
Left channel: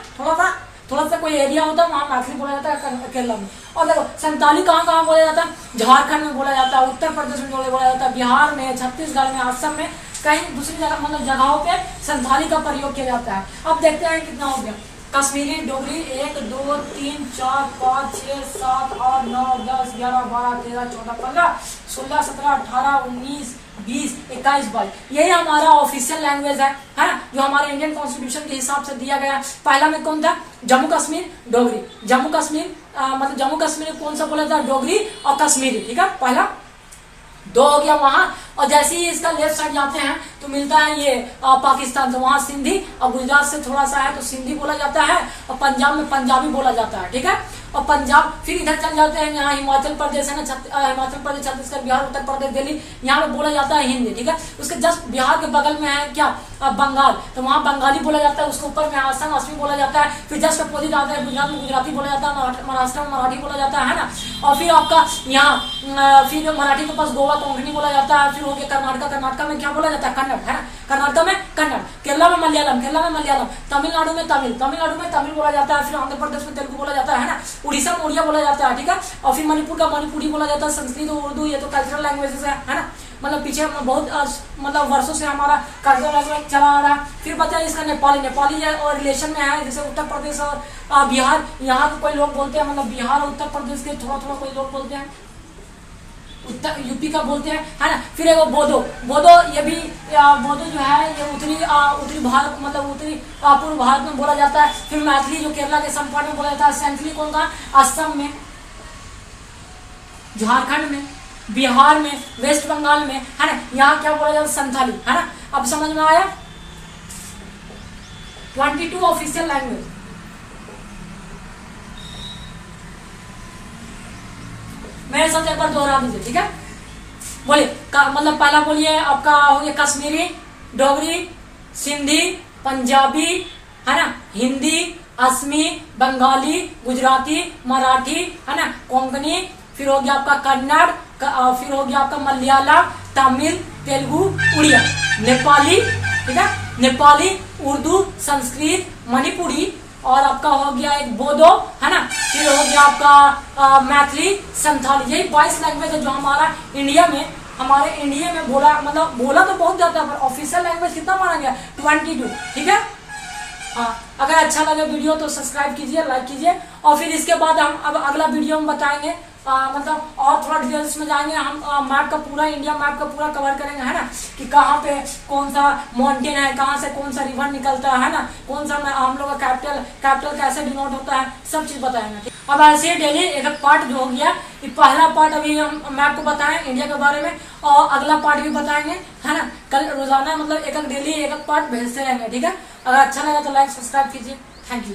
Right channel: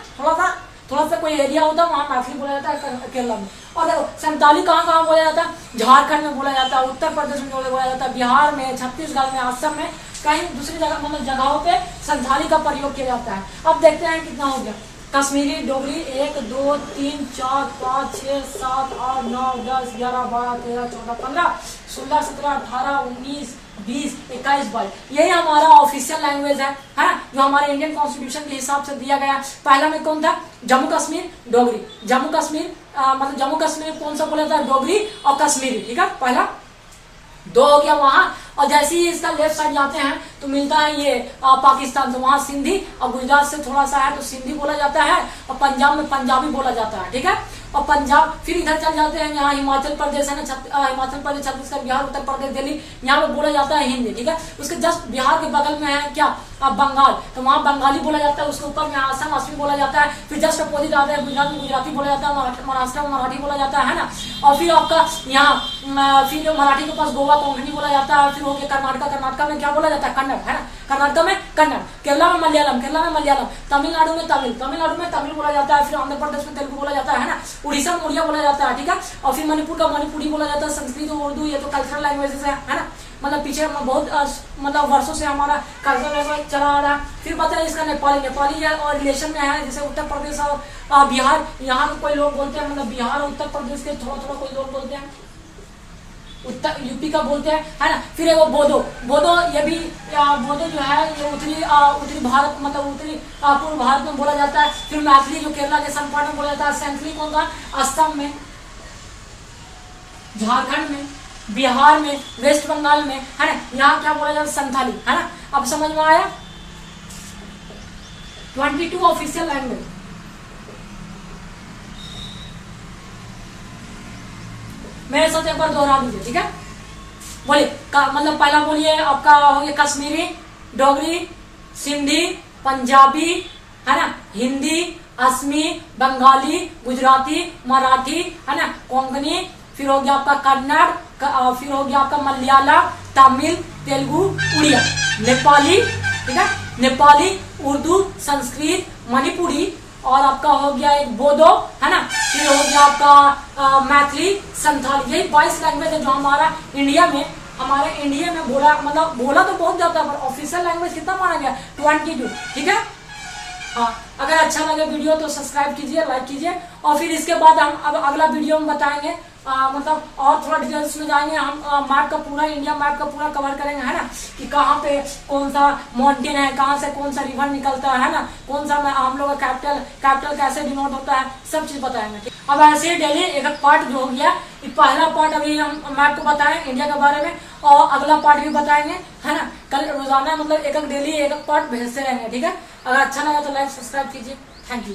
थोड़ा सा कोई एरिया होता है वहां मैथिली बोला जाता है केरला में। और देखो संथाली कहाँ कहाँ बोला जाता है, झारखंड में बोला जाता है, उत्तर प्रदेश में बोला जाता है, बिहार में, छत्तीसगढ़ में, असम में, कहीं दूसरी जगह मतलब जगहों पे संथाली का प्रयोग किया जाता है। अब देखते हैं कितना हो गया, कश्मीरी, डोगरी 1 2 3 4 5 6 7 8 9 10 11 12 13 14 15 16 17 18 19 20 21 22, यही हमारा ऑफिशियल लैंग्वेज है ना, जो हमारे इंडियन कॉन्स्टिट्यूशन के हिसाब से दिया गया। पहला में कौन था, जम्मू कश्मीर, डोगरी, जम्मू कश्मीर मतलब जम्मू कश्मीर में कौन सा बोला था, डोगरी और कश्मीरी, ठीक है, पहला 2 हो गया वहां। और जैसे ही इसका लेफ्ट साइड जाते हैं तो मिलता है ये पाकिस्तान, तो वहां सिंधी, और गुजरात से थोड़ा सा है तो सिंधी बोला जाता है, और पंजाब में पंजाबी बोला जाता है, ठीक है। और पंजाब फिर इधर चल जाते हैं, यहाँ हिमाचल प्रदेश है ना, हिमाचल प्रदेश, छत्तीसगढ़, बिहार, उत्तर प्रदेश, दिल्ली, यहाँ पे बोला जाता है हिंदी, ठीक है। उसके जस्ट बिहार के बगल में है क्या, बंगाल, तो वहाँ बंगाली बोला जाता है, उसके ऊपर में असम असमी बोला जाता है, फिर जस्ट अपोजिट आता है गुजरात में गुजराती बोला जाता है, महाराष्ट्र में मराठी बोला जाता है ना। और फिर आपका यहाँ फिर मराठी के पास गोवा कोंकणी बोला जाता है, फिर हो गया कर्नाटका में क्या बोला जाता है, कन्नड़, है ना, कर्नाटक में कन्नड़, केरला में मलयालम, तमिलनाडु में तमिल बोला जाता है, फिर आंध्र प्रदेश में तेलुगु बोला जाता है ना, उड़ीसा में उड़िया बोला जाता है, ठीक है। और फिर मणिपुर का मणिपुरी बोला जाता है, संस्कृत और उर्दू, ये तो कल्चरल लैंग्वेजेस है ना। मतलब पीछे बहुत मतलब वर्षों से हमारा कल्चरल लैंग्वेज चला आ रहा है। फिर बताया इसका नेपाली और रिलेशन में है, जैसे उत्तर प्रदेश और बिहार, यहाँ के कोई लोग बोलते हैं, मतलब बिहार और उत्तर प्रदेश के थोड़ा कोई लोग बोलते हैं, उत्तर यूपी का बोलते हैं, है ना। फिर एक बोधो, ये भी बोधो जो है ये उत्तरी भारत, मतलब उत्तरी पूर्व भारत में बोला जाता है। फिर मैथिली जो केरला के संपाट में बोला जाता है। सैंथली कौन था, असम में, झारखंड में, बिहार में, वेस्ट बंगाल में, है ना। यहाँ क्या बोला जाता है, संथाली, है ना। अब समझ में आया। 22 ऑफिशियल लैंग्वेज। मेरे साथ एक बार दोहरा दीजिए, ठीक है। बोलिए, मतलब पहला बोलिए आपका हो गया कश्मीरी, डोगरी, सिंधी, पंजाबी, है ना, हिंदी, असमी, बंगाली, गुजराती, मराठी, है ना, कोंकणी, फिर हो गया आपका कन्नड़, फिर हो गया आपका मलयालम, तमिल, तेलुगु, उड़िया, नेपाली, ठीक है, नेपाली, उर्दू, संस्कृत, मणिपुरी, और आपका हो गया एक बोधो, है ना। फिर हो गया आपका मैथिली, संथाली। यही 22 लैंग्वेज है जो हमारे इंडिया में बोला तो बहुत जाता है, पर ऑफिशियल लैंग्वेज कितना माना गया, 22, ठीक है। हाँ, अगर अच्छा लगे वीडियो तो सब्सक्राइब कीजिए, लाइक कीजिए। और फिर इसके बाद हम अब अगला वीडियो में बताएंगे, मतलब और थोड़ा डिटेल्स में जाएंगे हम। मैप का पूरा, इंडिया मैप का पूरा कवर करेंगे, है ना, कि कहाँ पे कौन सा माउंटेन है, कहाँ से कौन सा रिवर निकलता है ना, कौन सा हम लोग का कैपिटल कैसे डिनोट होता है, सब चीज बताएंगे। अब ऐसे डेली एक पार्ट जो हो गया, ये पहला पार्ट अभी हम मैप को बताएं इंडिया के बारे में, और अगला पार्ट भी बताएंगे, है ना। कल रोजाना मतलब एक डेली एक पार्ट भेजते रहेंगे, ठीक है। अगर अच्छा लगा तो लाइक सब्सक्राइब कीजिए। Thank you.